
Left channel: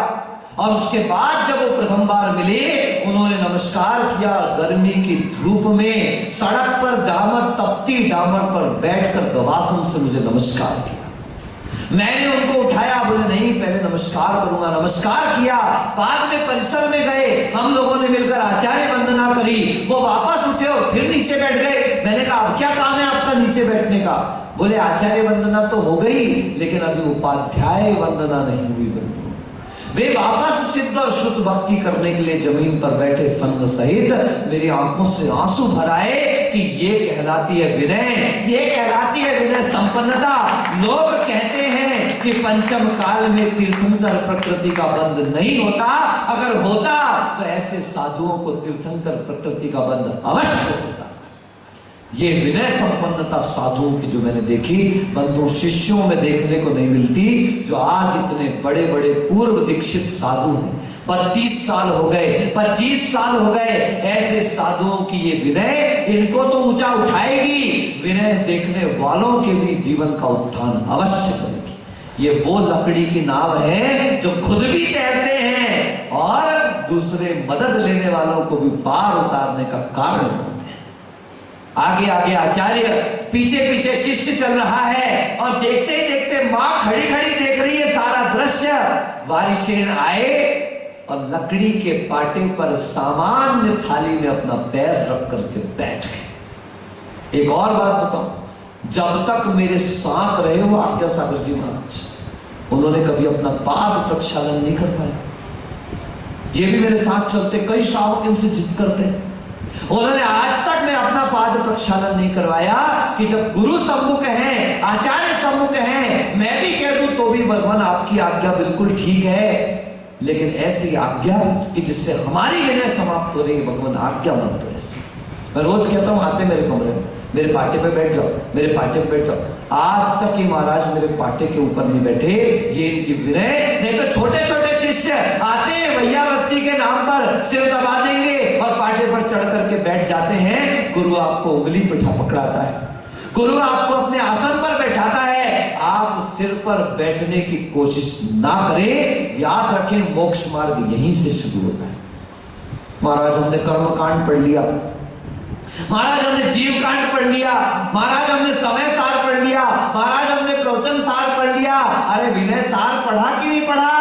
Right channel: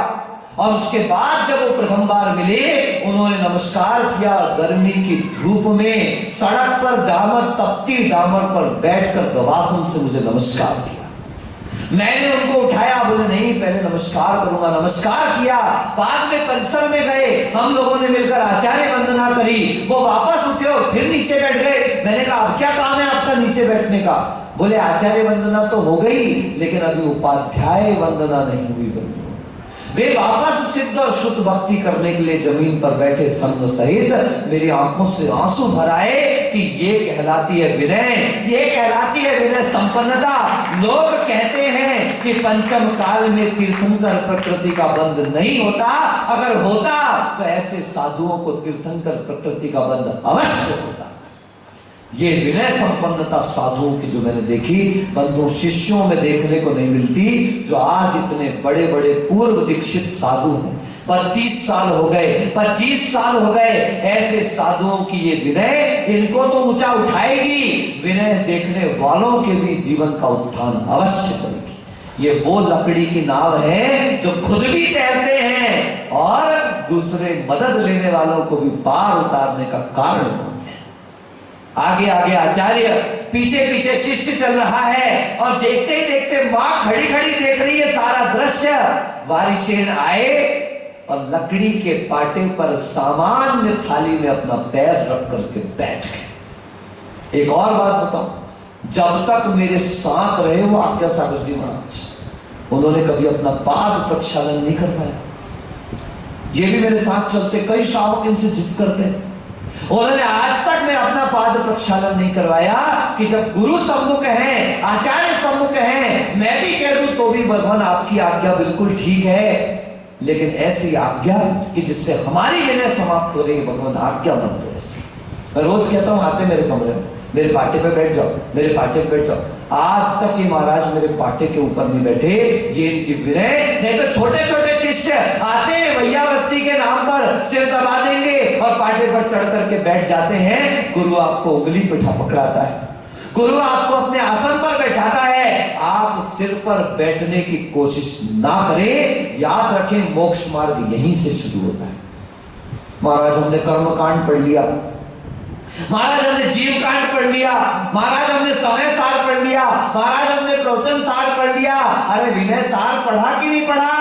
और उसके बाद जब वो प्रथम बार मिले, उन्होंने नमस्कार किया। गर्मी की धूप में सड़क पर डामर, तपती डामर पर बैठकर गवासन से मुझे नमस्कार किया। मैंने उनको उठाया, बोले नहीं पहले नमस्कार करूंगा। नमस्कार किया। बाद में परिसर में गए, हम लोगों ने मिलकर आचार्य वंदना करी। वो वापस उठे और फिर नीचे बैठ गए। मैंने कहा अब क्या काम है आपका नीचे बैठने का? बोले आचार्य वंदना तो हो गई, लेकिन अभी उपाध्याय वंदना नहीं हुई। वे वापस सिद्ध और शुद्ध भक्ति करने के लिए जमीन पर बैठे संग सहित मेरी आंखों से आंसू भर आए कि ये कहलाती है विनय, ये कहलाती है विनय संपन्नता। लोग कहते हैं कि पंचम काल में तीर्थंकर प्रकृति का बंध नहीं होता, अगर होता तो ऐसे साधुओं को तीर्थंकर प्रकृति का बंध अवश्य होता। ये विनय संपन्नता साधुओं की जो मैंने देखी बंधु, शिष्यों में देखने को नहीं मिलती, जो आज इतने बड़े बड़े पूर्व दीक्षित साधु हैं। 32 साल हो गए, 25 साल हो गए, ऐसे साधुओं की ये विनय इनको तो ऊंचा उठाएगी, विनय देखने वालों के भी जीवन का उत्थान अवश्य करेगी। ये वो लकड़ी की नाव है जो खुद भी तैरते हैं और दूसरे मदद लेने वालों को भी पार उतारने का कारण होते हैं। आगे आगे आचार्य, पीछे पीछे शिष्य चल रहा है और देखते ही देखते मां खड़ी खड़ी देख रही है सारा दृश्य। वारिशेन आए और लकड़ी के पाटे पर सामान्य थाली में अपना पैर रख करके बैठ गए। एक और बात बताऊं, जब तक मेरे साथ रहे वो आज्ञा सागर जी महाराज, उन्होंने कभी अपना पाद प्रक्षालन नहीं कर पाया। ये भी मेरे साथ चलते, कई श्रावक इनसे जिद करते हैं, उन्होंने आज तक मैं अपना पाद प्रक्षालन नहीं करवाया कि जब गुरु सम्मुख हैं, आचार्य सम्मुख हैं, मैं भी कह दूं तो भी भगवान आपकी आज्ञा बिल्कुल ठीक है, लेकिन ऐसी आज्ञा कि जिससे हमारी विनय समाप्त हो रही है, भगवान आज्ञा मत दो ऐसी। मैं रोज कहता हूं आते मेरे कमरे में, मेरे पाटे पे बैठ जाओ, मेरे पाटे पे बैठ जाओ। आज तक ये महाराज मेरे पाटे के ऊपर नहीं बैठे, ये इनकी विनय। नहीं तो छोटे छोटे शिष्य आते हैं, भैयावत्ती के नाम पर सिर दबा देंगे और पाटे पर चढ़ करके बैठ जाते हैं। गुरु आपको उंगली पे पकड़ाता है, गुरु आपको अपने आसन पर बैठाता है, आप सिर पर बैठने की कोशिश ना करें। याद रखें, मोक्ष मार्ग यहीं से शुरू होता है। महाराज हमने कर्म कांड पढ़ लिया, महाराज हमने जीव कांड पढ़ लिया, महाराज हमने समय सार पढ़ लिया, महाराज हमने प्रवचन सार पढ़ लिया। अरे विनय सार पढ़ा कि नहीं पढ़ा?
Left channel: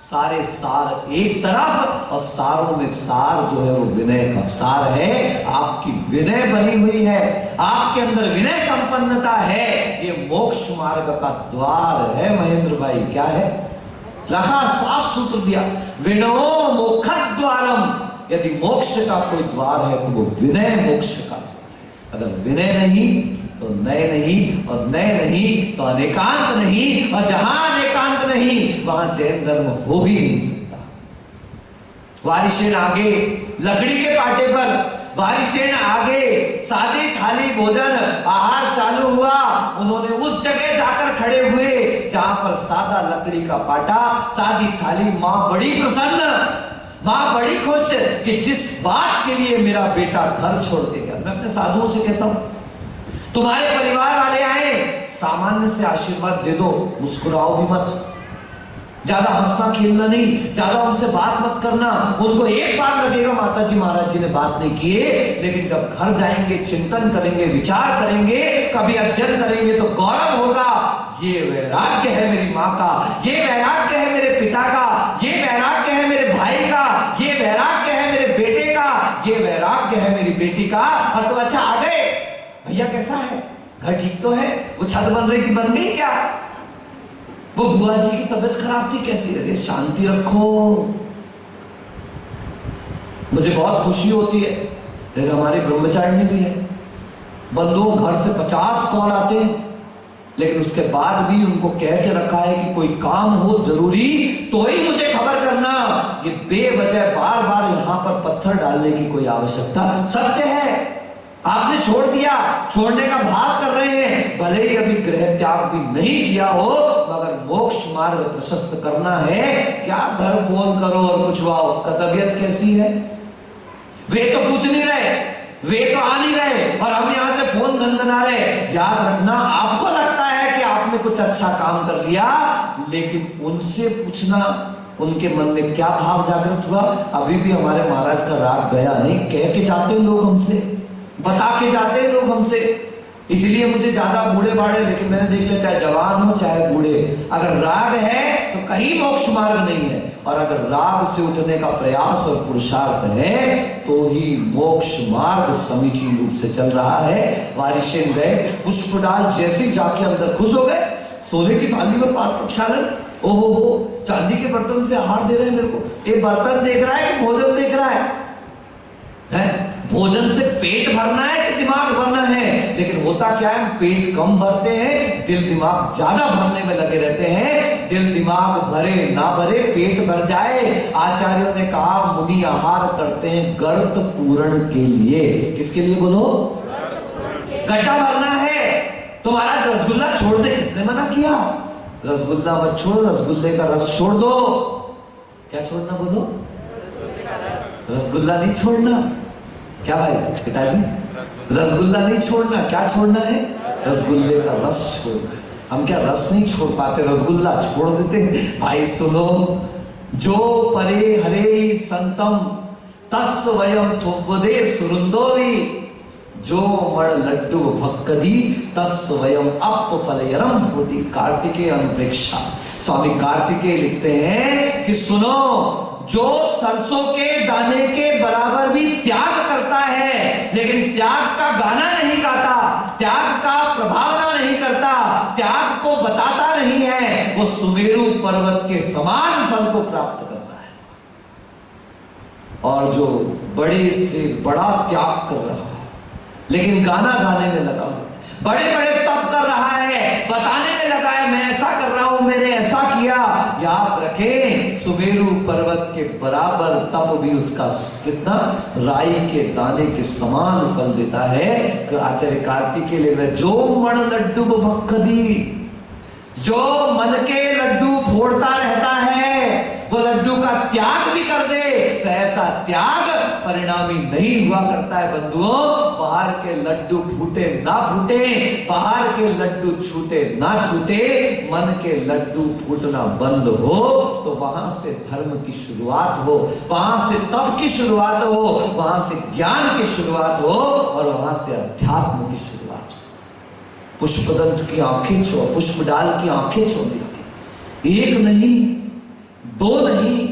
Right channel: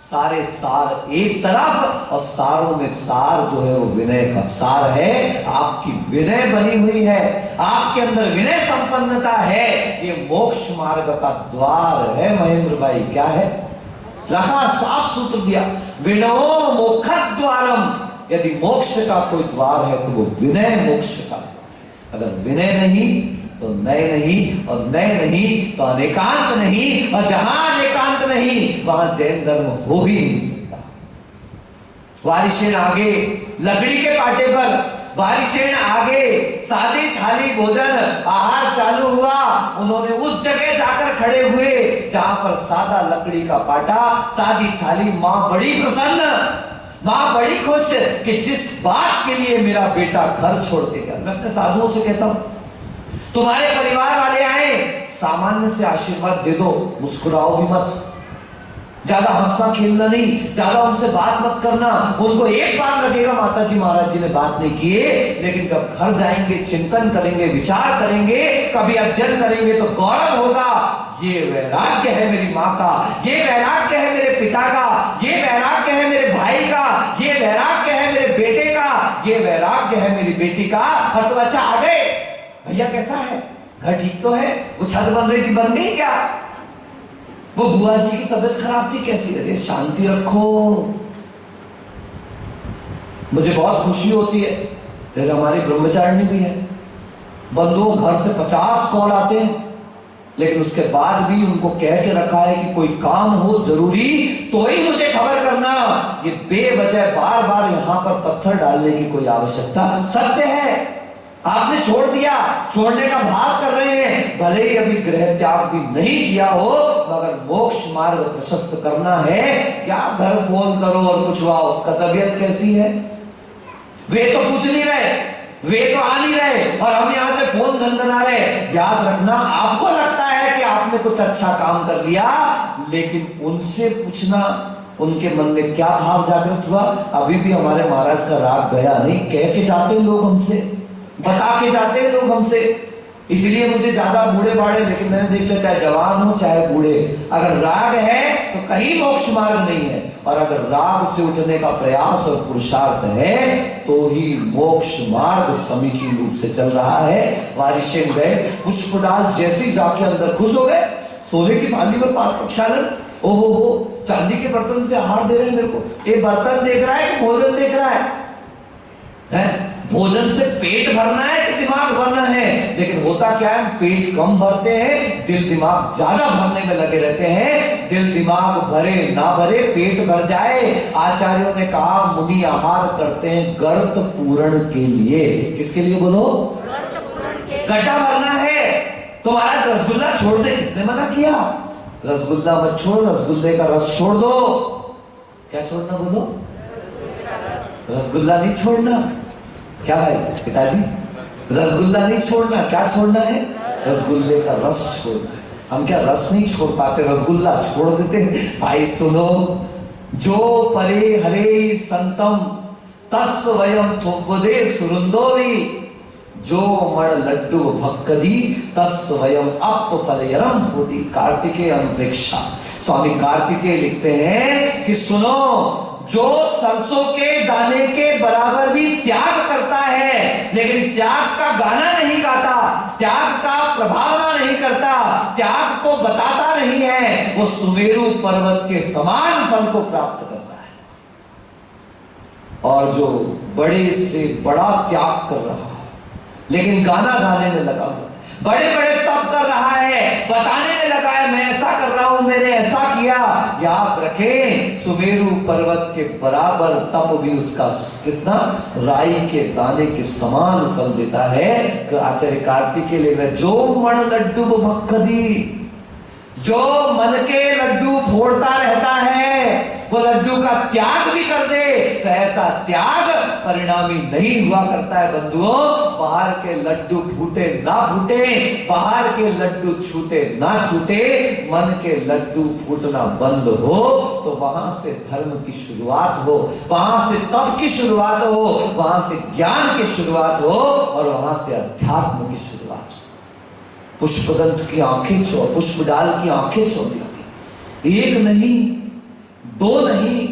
सारे सार एक तरफ, और सारों में सार जो है वो विनय का सार है। आपकी विनय बनी हुई है, आपके अंदर विनय संपन्नता है, ये मोक्ष मार्ग का द्वार है। महेंद्र भाई क्या है? रखा, साफ सूत्र दिया, विनो मोक्ष द्वारम। यदि मोक्ष का कोई द्वार है तो वो विनय मोक्ष का। अगर विनय नहीं तो नय नहीं, और नय नहीं तो अनेकांत नहीं, और जहां अनेकांत नहीं वहां जैन धर्म हो ही नहीं सकता। वारिशेन आगे लकड़ी के पाटे पर, वारिशेन आगे सादी थाली भोजन आहार चालू हुआ। उन्होंने उस जगह जाकर खड़े हुए जहां पर सादा लकड़ी का पाटा, सादी थाली। मां बड़ी प्रसन्न, मां बड़ी खुश कि जिस बात के लिए मेरा बेटा घर छोड़ के गया। मैं अपने साधुओं से कहता हूं, तुम्हारे परिवार वाले आए, सामान्य से आशीर्वाद दे दो, मुस्कुराओ भी मत, ज्यादा हंसना खेलना नहीं, ज्यादा उनसे बात मत करना। उनको एक बार लगेगा माता जी महाराज जी ने बात नहीं किए, लेकिन जब घर जाएंगे, चिंतन करेंगे, विचार करेंगे, कभी अध्ययन करेंगे तो गौरव होगा। ये वैराग्य है मेरी माँ का, ये वैराग्य है मेरे पिता का, ये वैराग्य है मेरे भाई का, ये वैराग्य है मेरे बेटे का, ये वैराग्य है मेरी बेटी का। और तो अच्छा आ गए, भैया कैसा है, घर ठीक तो है, वो छत बन रही थी, बन गई क्या, वो बुआ जी की तबीयत खराब थी, कैसी लगे, शांति रखो। मुझे बहुत खुशी होती है, जैसे हमारे ब्रह्मचारिणी भी है, बंधुओं घर से 50 कॉल आते हैं, लेकिन उसके बाद भी उनको कह के रखा है कि कोई काम हो जरूरी तो ही मुझे खबर करना। ये बेवजह बार बार यहाँ पर पत्थर डालने की कोई आवश्यकता, सत्य है, आपने छोड़ दिया, छोड़ने का भाव कर रहे हैं, भले ही अभी गृह त्याग भी नहीं किया हो, मगर मोक्ष मार्ग प्रशस्त करना है। क्या घर फोन करो और पूछवाओ का तबीयत कैसी है, वे तो पूछ नहीं रहे, वे तो आ नहीं रहे, और हम यहां से फोन घनघना रहे। याद रखना, आपको लगता है कि आपने कुछ अच्छा काम कर लिया, लेकिन उनसे पूछना उनके मन में क्या भाव जागृत हुआ। अभी भी हमारे महाराज का राग गया नहीं, कह के जाते हैं लोग हमसे, बता के जाते हैं लोग हमसे। इसलिए मुझे ज्यादा बूढ़े बाढ़े, लेकिन मैंने देख लिया, चाहे जवान हो चाहे बूढ़े, अगर राग है तो कहीं मोक्ष मार्ग नहीं है, और अगर राग से उठने का प्रयास और पुरुषार्थ है तो ही मोक्ष मार्ग समीचीन रूप से चल रहा है। वारिशेन गए, पुष्प डाल जैसे जाके अंदर खुश हो गए, सोने की थाली में पाद प्रक्षालन, ओहो हो, चांदी के बर्तन से आहार दे रहे हैं मेरे को। ये बर्तन देख रहा है कि भोजन देख रहा है? भोजन से पेट भरना है कि दिमाग भरना है? लेकिन होता क्या है, पेट कम भरते हैं, दिल दिमाग ज्यादा भरने में लगे रहते हैं। दिल दिमाग भरे ना भरे, पेट भर जाए। आचार्यों ने कहा मुनि आहार करते हैं गर्त पूरण के लिए। किसके लिए बोलो? गड्ढा भरना है। तो महाराज रसगुल्ला छोड़ दे, किसने मना किया? रसगुल्ला मत छोड़ो, रसगुल्ले का रस छोड़ दो। क्या छोड़ना बोलो? रसगुल्ला नहीं छोड़ना। क्या भाई पिताजी, रसगुल्ला नहीं छोड़ना, क्या छोड़ना है? रसगुल्ले का रस छोड़ना है। हम क्या रस नहीं छोड़ पाते, रसगुल्ला छोड़ देते हैं। भाई सुनो, जो परे हरे संतम तस् वयम थुपदे सुरुंदोरी, जो मण लड्डू भक्कदी तस् वयम अप फलयरम होती। कार्तिकेय अनुप्रेक्षा स्वामी कार्तिकेय लिखते हैं कि सुनो, जो सरसों के दाने के बराबर भी त्याग करता है लेकिन त्याग का गाना नहीं गाता, त्याग का प्रभावना नहीं करता, त्याग को बताता नहीं है, वो सुमेरु पर्वत के समान फल को प्राप्त करता है। और जो बड़े से बड़ा त्याग कर रहा है लेकिन गाना गाने में लगा हुआ, बड़े बड़े तप कर रहा है, बताने में लगा है मैं ऐसा कर रहा हूं, मैंने ऐसा किया, याद रखें सुमेरु पर्वत के बराबर तप भी उसका कितना राई के दाने के समान फल देता है। आचार्य कार्तिकेय लिख, जो मन लड्डू भक्कदी, जो मन के लड्डू फोड़ता रहता है वो लड्डू का त्याग भी कर दे तो ऐसा त्याग परिणामी नहीं हुआ करता है। बंधुओं, बाहर के लड्डू फूटे ना फूटे, बाहर के लड्डू छूटे ना छूटे, मन के लड्डू फूटना बंद हो तो वहां से धर्म की शुरुआत हो, वहां से तप की शुरुआत हो, वहां से ज्ञान की शुरुआत हो और वहां से अध्यात्म की शुरुआत हो। पुष्पदंत की आंखें चौ, पुष्प डाल की आंखें चौंधी हो गई, एक नहीं, दो नहीं,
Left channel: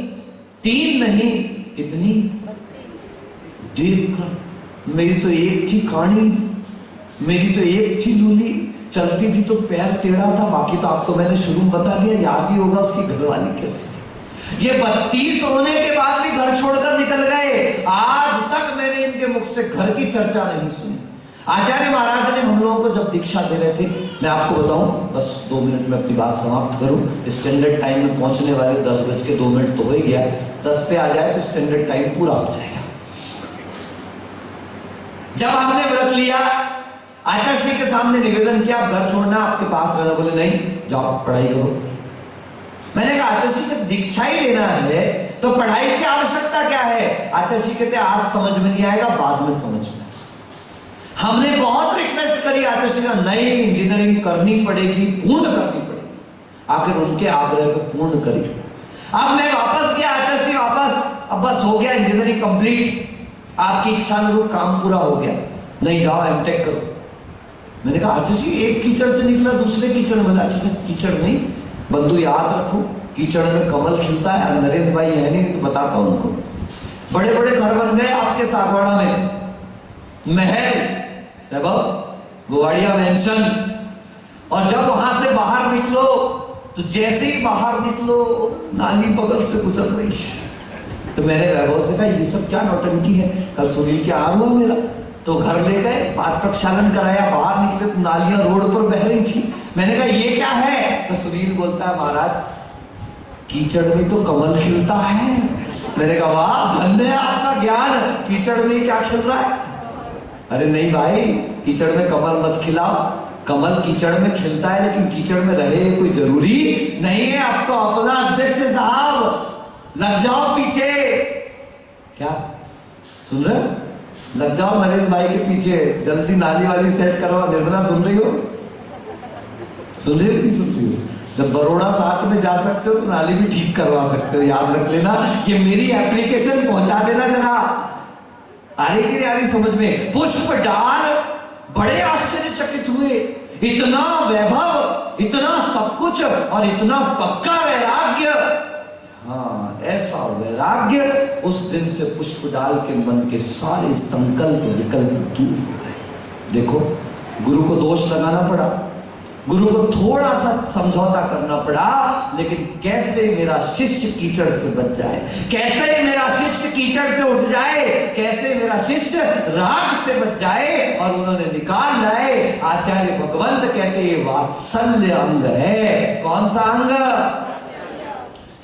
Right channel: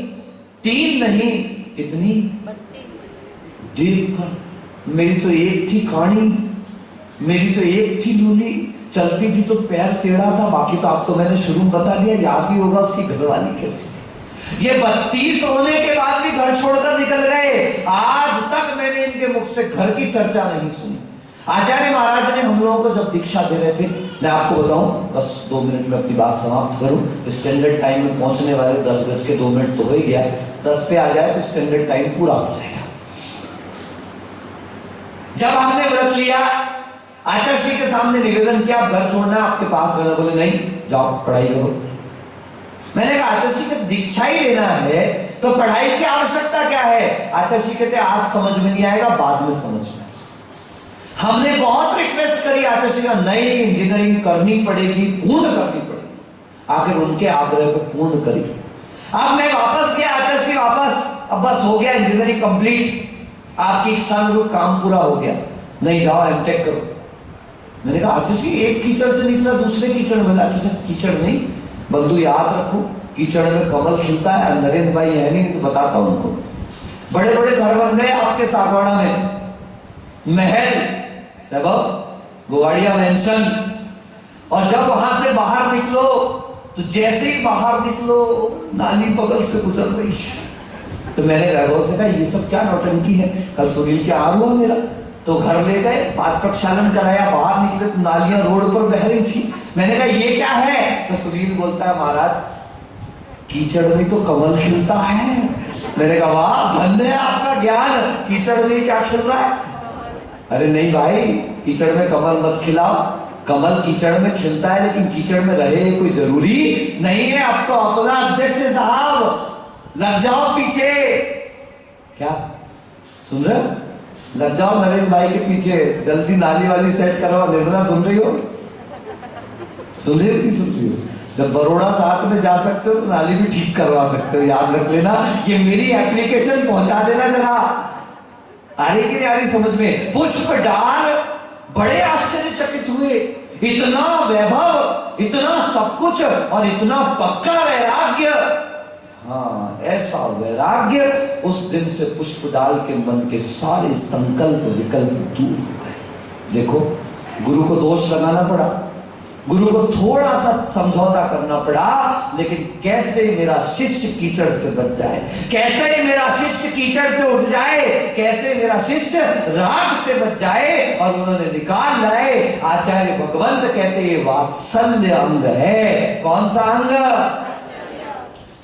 तीन नहीं, कितनी देखकर मेरी तो एक थी कानी, मेरी तो एक थी लूली, चलती थी तो पैर टेढ़ा था, बाकी तो आपको मैंने शुरू में बता दिया, याद ही होगा उसकी घरवाली कैसी थी। ये 32 होने के बाद भी घर छोड़कर निकल गए, आज तक मैंने इनके मुख से घर की चर्चा नहीं सुनी। आचार्य महाराज ने हम लोगों को जब दीक्षा दे रहे थे, मैं आपको बताऊं, बस 2 मिनट में अपनी बात समाप्त करूं, स्टैंडर्ड टाइम में पहुंचने वाले 10:02 तो हो ही गया, 10 पे आ जाए तो स्टैंडर्ड टाइम पूरा हो जाएगा। जब हमने व्रत लिया, आचार्य श्री के सामने निवेदन किया, घर छोड़ना, आपके पास रहना, बोले नहीं, जाओ पढ़ाई करो। मैंने कहा आचार्य श्री को दीक्षा ही लेना है तो पढ़ाई की आवश्यकता क्या है? आचार्य श्री कहते आज समझ में नहीं आएगा, बाद में समझ में। हमने बहुत रिक्वेस्ट करी, आचार्य श्री का नहीं, इंजीनियरिंग करनी पड़ेगी, पूर्ण करनी पड़ेगी। आखिर उनके आग्रह को पूर्ण करी। अब मैं वापस गया, आचार्य श्री वापस, अब बस हो गया इंजीनियरिंग कंप्लीट, आपकी इच्छा अनुरूप काम पूरा हो गया, नहीं जाओ एमटेक करो। मैंने कहा आचार्य जी एक कीचड़ से निकला दूसरे कीचड़ में, अच्छा कीचड़ नहीं बंधु, याद रखो कीचड़ में कमल खिलता है। नरेंद्र भाई है नहीं तो बताता हूं उनको, बड़े बड़े घर बन गए आपके सागवाड़ा में, महल, देखो गोवाड़िया मेंशन, और जब वहां से बाहर निकलो तो जैसे ही बाहर निकलो नाली बगल से गुजर रही। तो मैंने वैभव से कहा ये सब क्या नौटंकी है, कल सुनील के आर हुआ मेरा, तो घर ले गए, पाद प्रक्षालन कराया, बाहर निकले तो नालियां रोड पर बह रही थी। मैंने कहा ये क्या है? तो सुनील बोलता है महाराज कीचड़ में तो कमल खिलता है। मैंने कहा वाह धन्य है आपका ज्ञान, कीचड़ में क्या खिल रहा है? अरे नहीं भाई, कीचड़ में कमल मत खिलाओ, कमल कीचड़ में खिलता है लेकिन कीचड़ में रहे कोई जरूरी नहीं है। अब तो अपना अध्यक्ष साहब लग जाओ पीछे, क्या सुन रहे हो? लग जाओ नरेंद्र भाई के पीछे, जल्दी नाली वाली सेट करवाओ। निर्मला सुन रही हो? सुन रही हो कि सुन रही हो? जब बड़ौदा साथ में जा सकते हो तो नाली भी ठीक करवा सकते हो, याद रख लेना। ये मेरी एप्लीकेशन पहुंचा देना जरा, आ रही कि आ रही समझ में? पुष्प डाल बड़े आश्चर्यचकित हुए, इतना वैभव, इतना सब कुछ और इतना पक्का वैराग्य। हाँ, ऐसा वैराग्य, उस दिन से पुष्प डाल के मन के सारे संकल्प विकल्प दूर हो गए। देखो गुरु को दोष लगाना पड़ा, गुरु को थोड़ा सा समझौता करना पड़ा, लेकिन कैसे मेरा शिष्य कीचड़ से बच जाए, कैसे मेरा शिष्य कीचड़ से उठ जाए, कैसे मेरा शिष्य राग से बच जाए, और उन्होंने निकाल लाए। आचार्य भगवंत कहते ये वात्सल्य अंग है। कौन सा अंग?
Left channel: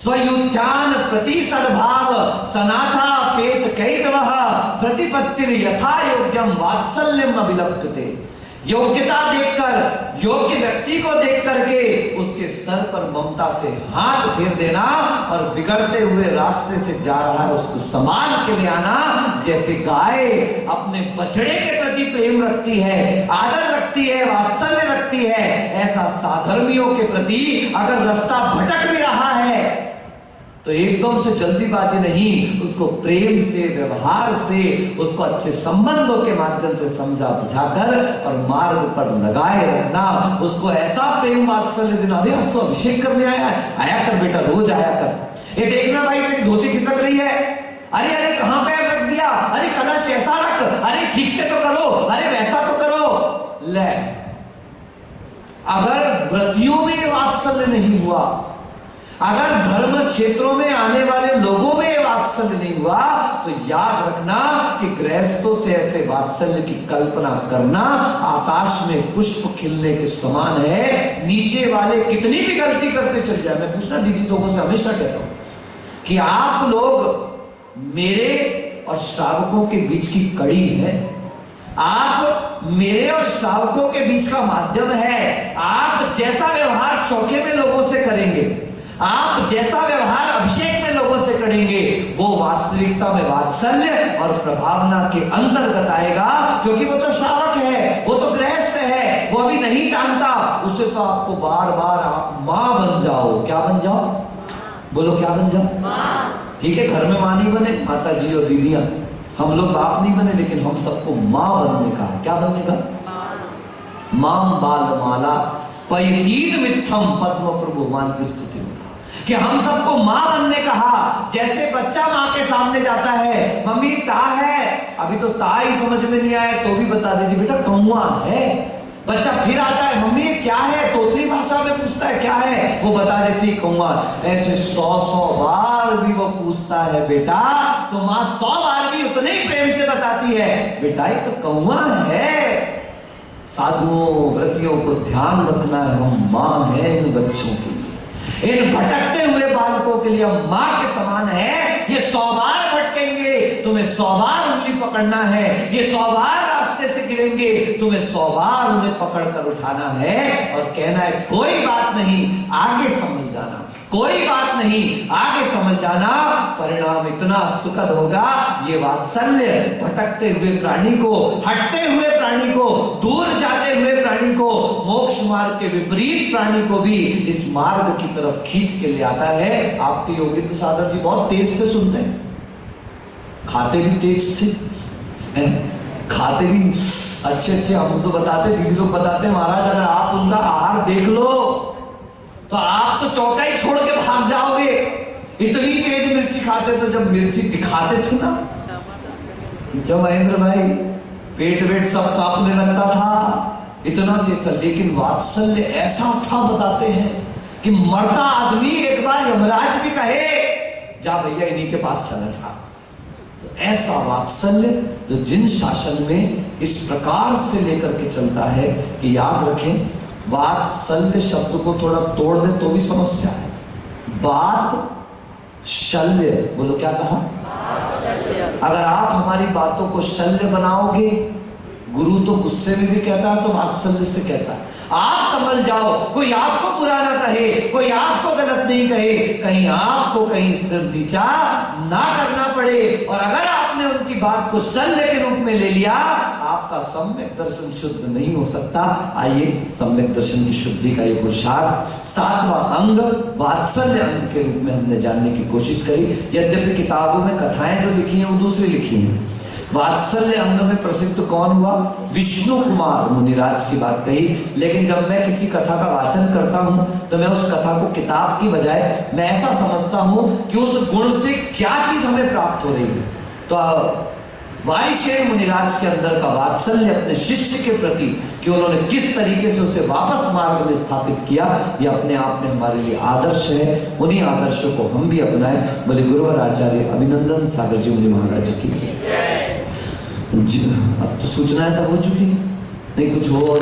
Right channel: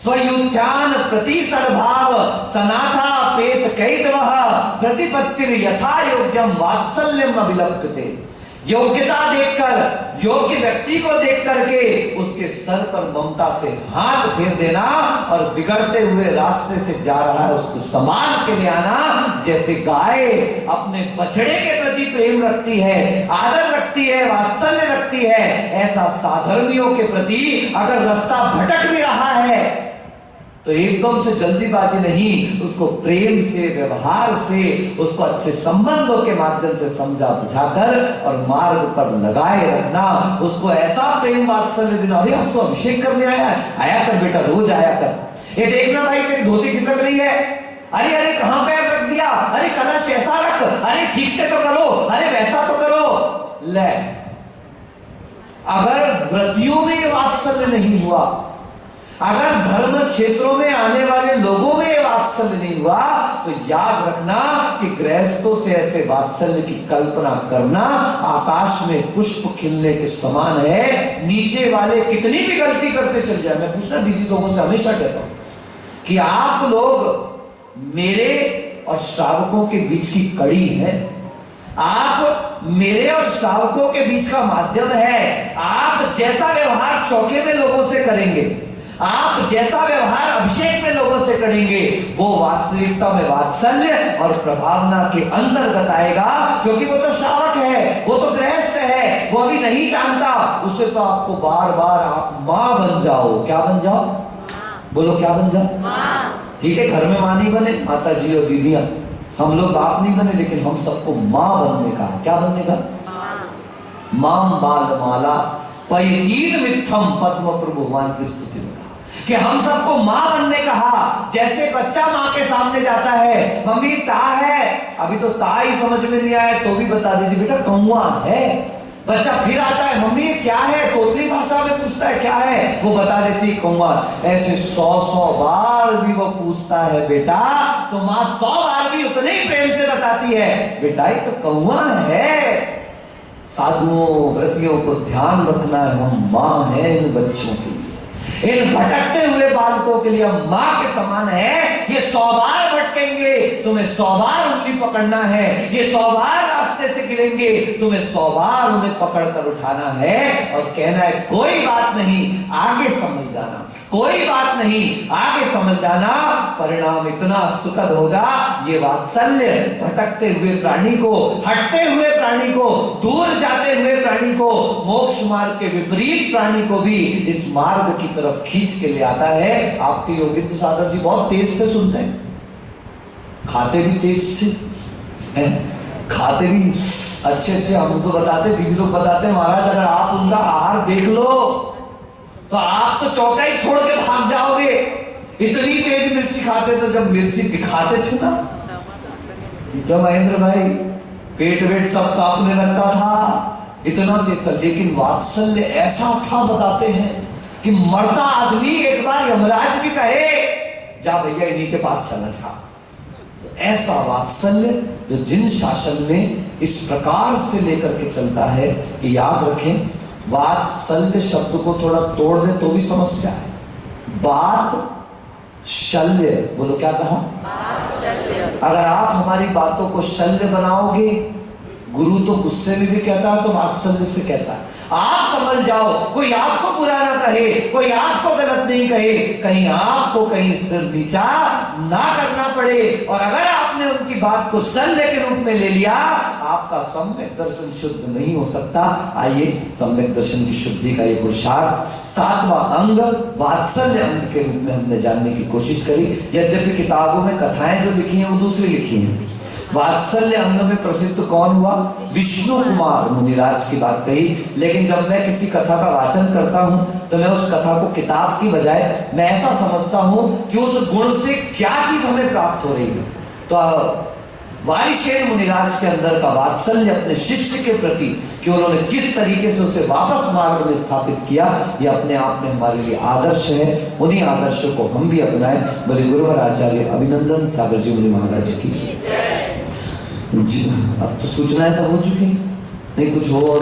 स्वयुत्थान प्रति सद्भाव सनाथा पेत कैतवः प्रतिपत्तिर यथा योग्यम वात्सल्यम अभिलप्यते। योग्यता देखकर, योग्य व्यक्ति को देख करके उसके सर पर ममता से हाथ फेर देना, और बिगड़ते हुए रास्ते से जा रहा है उसको संभाल के ले आना। जैसे गाय अपने बछड़े के प्रति प्रेम रखती है, आदर रखती है, वात्सल्य रखती है, ऐसा साधर्मियों के प्रति अगर रास्ता भटक भी रहा है तो एकदम से जल्दीबाजी नहीं, उसको प्रेम से, व्यवहार से, उसको अच्छे संबंधों के माध्यम से समझा बुझाकर और मार्ग पर लगाए रखना। उसको ऐसा प्रेम वात्सल्य देना, अरे आज तो अभिषेक करने आया कर बेटा, रोज आया कर। ये देखना भाई तेरी धोती खिसक रही है, अरे अरे कहां पैर रख दिया, अरे कलश ऐसा रख, अरे ठीक से तो करो, अरे वैसा तो करो। ले, अगर व्रतियों में वात्सल्य नहीं हुआ, अगर धर्म क्षेत्रों में आने वाले लोगों में वात्सल्य नहीं हुआ, तो याद रखना कि गृहस्थों से ऐसे वात्सल्य की कल्पना करना आकाश में पुष्प खिलने के समान है। नीचे वाले कितनी भी गलती करते चल जाए, मैं पूछना दीदी लोगों से हमेशा कहता हूं कि आप लोग मेरे और श्रावकों के बीच की कड़ी है, आप मेरे और श्रावकों के बीच का माध्यम है। आप जैसा व्यवहार चौके में लोगों से करेंगे, आप जैसा व्यवहार अभिषेक में लोगों से करेंगे, वो वास्तविकता में वात्सल्य और प्रभावना के अंतर्गत आएगा। क्योंकि वो तो श्रावक है, वो तो गृहस्थ है, वो अभी नहीं जानता। उसे तो आपको बार बार आप मां बन जाओ। क्या बन जाओ? बोलो क्या बन जाओ? ठीक है, घर में मां नहीं बने, माता जी और दीदियां, हम लोग बाप नहीं बने, लेकिन हम सबको मां बनने का। क्या बनने का? मां बाल माला पयतीत मिथम पद्म प्रभु भगवान की स्तुति में कि हम सबको मां बनने कहा। जैसे बच्चा मां के सामने जाता है, मम्मी ता है, अभी तो ता ही समझ में नहीं आया तो भी बता दीजिए बेटा कौवा है। बच्चा फिर आता है, मम्मी क्या है, तोतली भाषा में पूछता है क्या है, वो बता देती कौवा। ऐसे 100 बार भी वो पूछता है बेटा, तो मां 100 बार भी उतने ही प्रेम से बताती है बेटा ये तो कौवा है। साधुओं व्रतियों को ध्यान रखना है, हम मां हैं इन बच्चों के लिए, इन भटकते हुए बालकों के लिए हम मां के समान है। ये 100 बार भटकेंगे, तुम्हें 100 बार उंगली पकड़ना है। ये 100 बार रास्ते से गिरेंगे, तुम्हें 100 बार उन्हें पकड़कर उठाना है और कहना है कोई बात नहीं, आगे समझ जाना, कोई बात नहीं, आगे समझ जाना, परिणाम इतना सुखद होगा। ये वात्सल्य भटकते हुए प्राणी को, हटते हुए प्राणी को, दूर जाते हुए प्राणी को, मोक्ष मार्ग के विपरीत प्राणी को भी इस मार्ग की तरफ खींच के ले आता है। आपके योगिंद्र साधक जी बहुत तेज से सुनते हैं, खाते भी तेज से, खाते भी अच्छे। हम तो बताते, दीदी लोग बताते महाराज अगर आप उनका आहार देख लो तो आप तो चौका ही छोड़ के भाग जाओगे, इतनी तेज मिर्ची खाते। तो जब मिर्ची दिखाते थे ना, क्या महेंद्र भाई पेट वेट सब कांपने लगता था, इतना तेज था। लेकिन वात्सल्य ऐसा था, बताते हैं कि मरता आदमी एक बार यमराज भी कहे जा भैया इन्हीं के पास चला था। तो ऐसा वात्सल्य जो जिन शासन में इस प्रकार से लेकर के चलता है कि याद रखें, वात्सल्य शब्द को थोड़ा तोड़ दे तो भी समस्या है। बात शल्य, बोलो क्या कहा? अगर आप हमारी बातों को शल्य बनाओगे, गुरु तो गुस्से में भी कहता है तो वात्सल्य से कहता है आप समझ जाओ, कोई आपको बुरा ना कहे, कोई आपको गलत नहीं कहे, कहीं आपको कहीं सिर नीचा ना करना पड़े। और अगर आपने उनकी बात को शल्य के रूप में ले लिया, आपका सम्यक दर्शन शुद्ध नहीं हो सकता। आइए सम्यक दर्शन की शुद्धि का ये पुरुषार्थ 7वां अंग वात्सल्य अंग के रूप में हमने जानने की कोशिश करी। यद्यपि किताबों में कथाएं जो लिखी हैं वो दूसरी लिखी हैं। वात्सल्य अंग में प्रसिद्ध कौन हुआ? विष्णु कुमार मुनिराज की बात कही। लेकिन जब मैं किसी कथा का वाचन करता हूं तो मैं उस कथा को किताब की बजाय मैं ऐसा समझता हूं कि उस गुण से क्या चीज हमें प्राप्त हो रही है। तो वायुसेन मुनिराज के अंदर का वात्सल्य अपने शिष्य के प्रति कि उन्होंने किस तरीके से उसे वापस मार्ग में स्थापित किया, ये अपने आप में हमारे लिए आदर्श है। उन्हीं आदर्शों को हम भी अपनाएं। बोले गुरुवर आचार्य अभिनंदन सागर जी मुनि महाराज की। अब तो सूचनाएं सब हो चुकी, नहीं कुछ हो और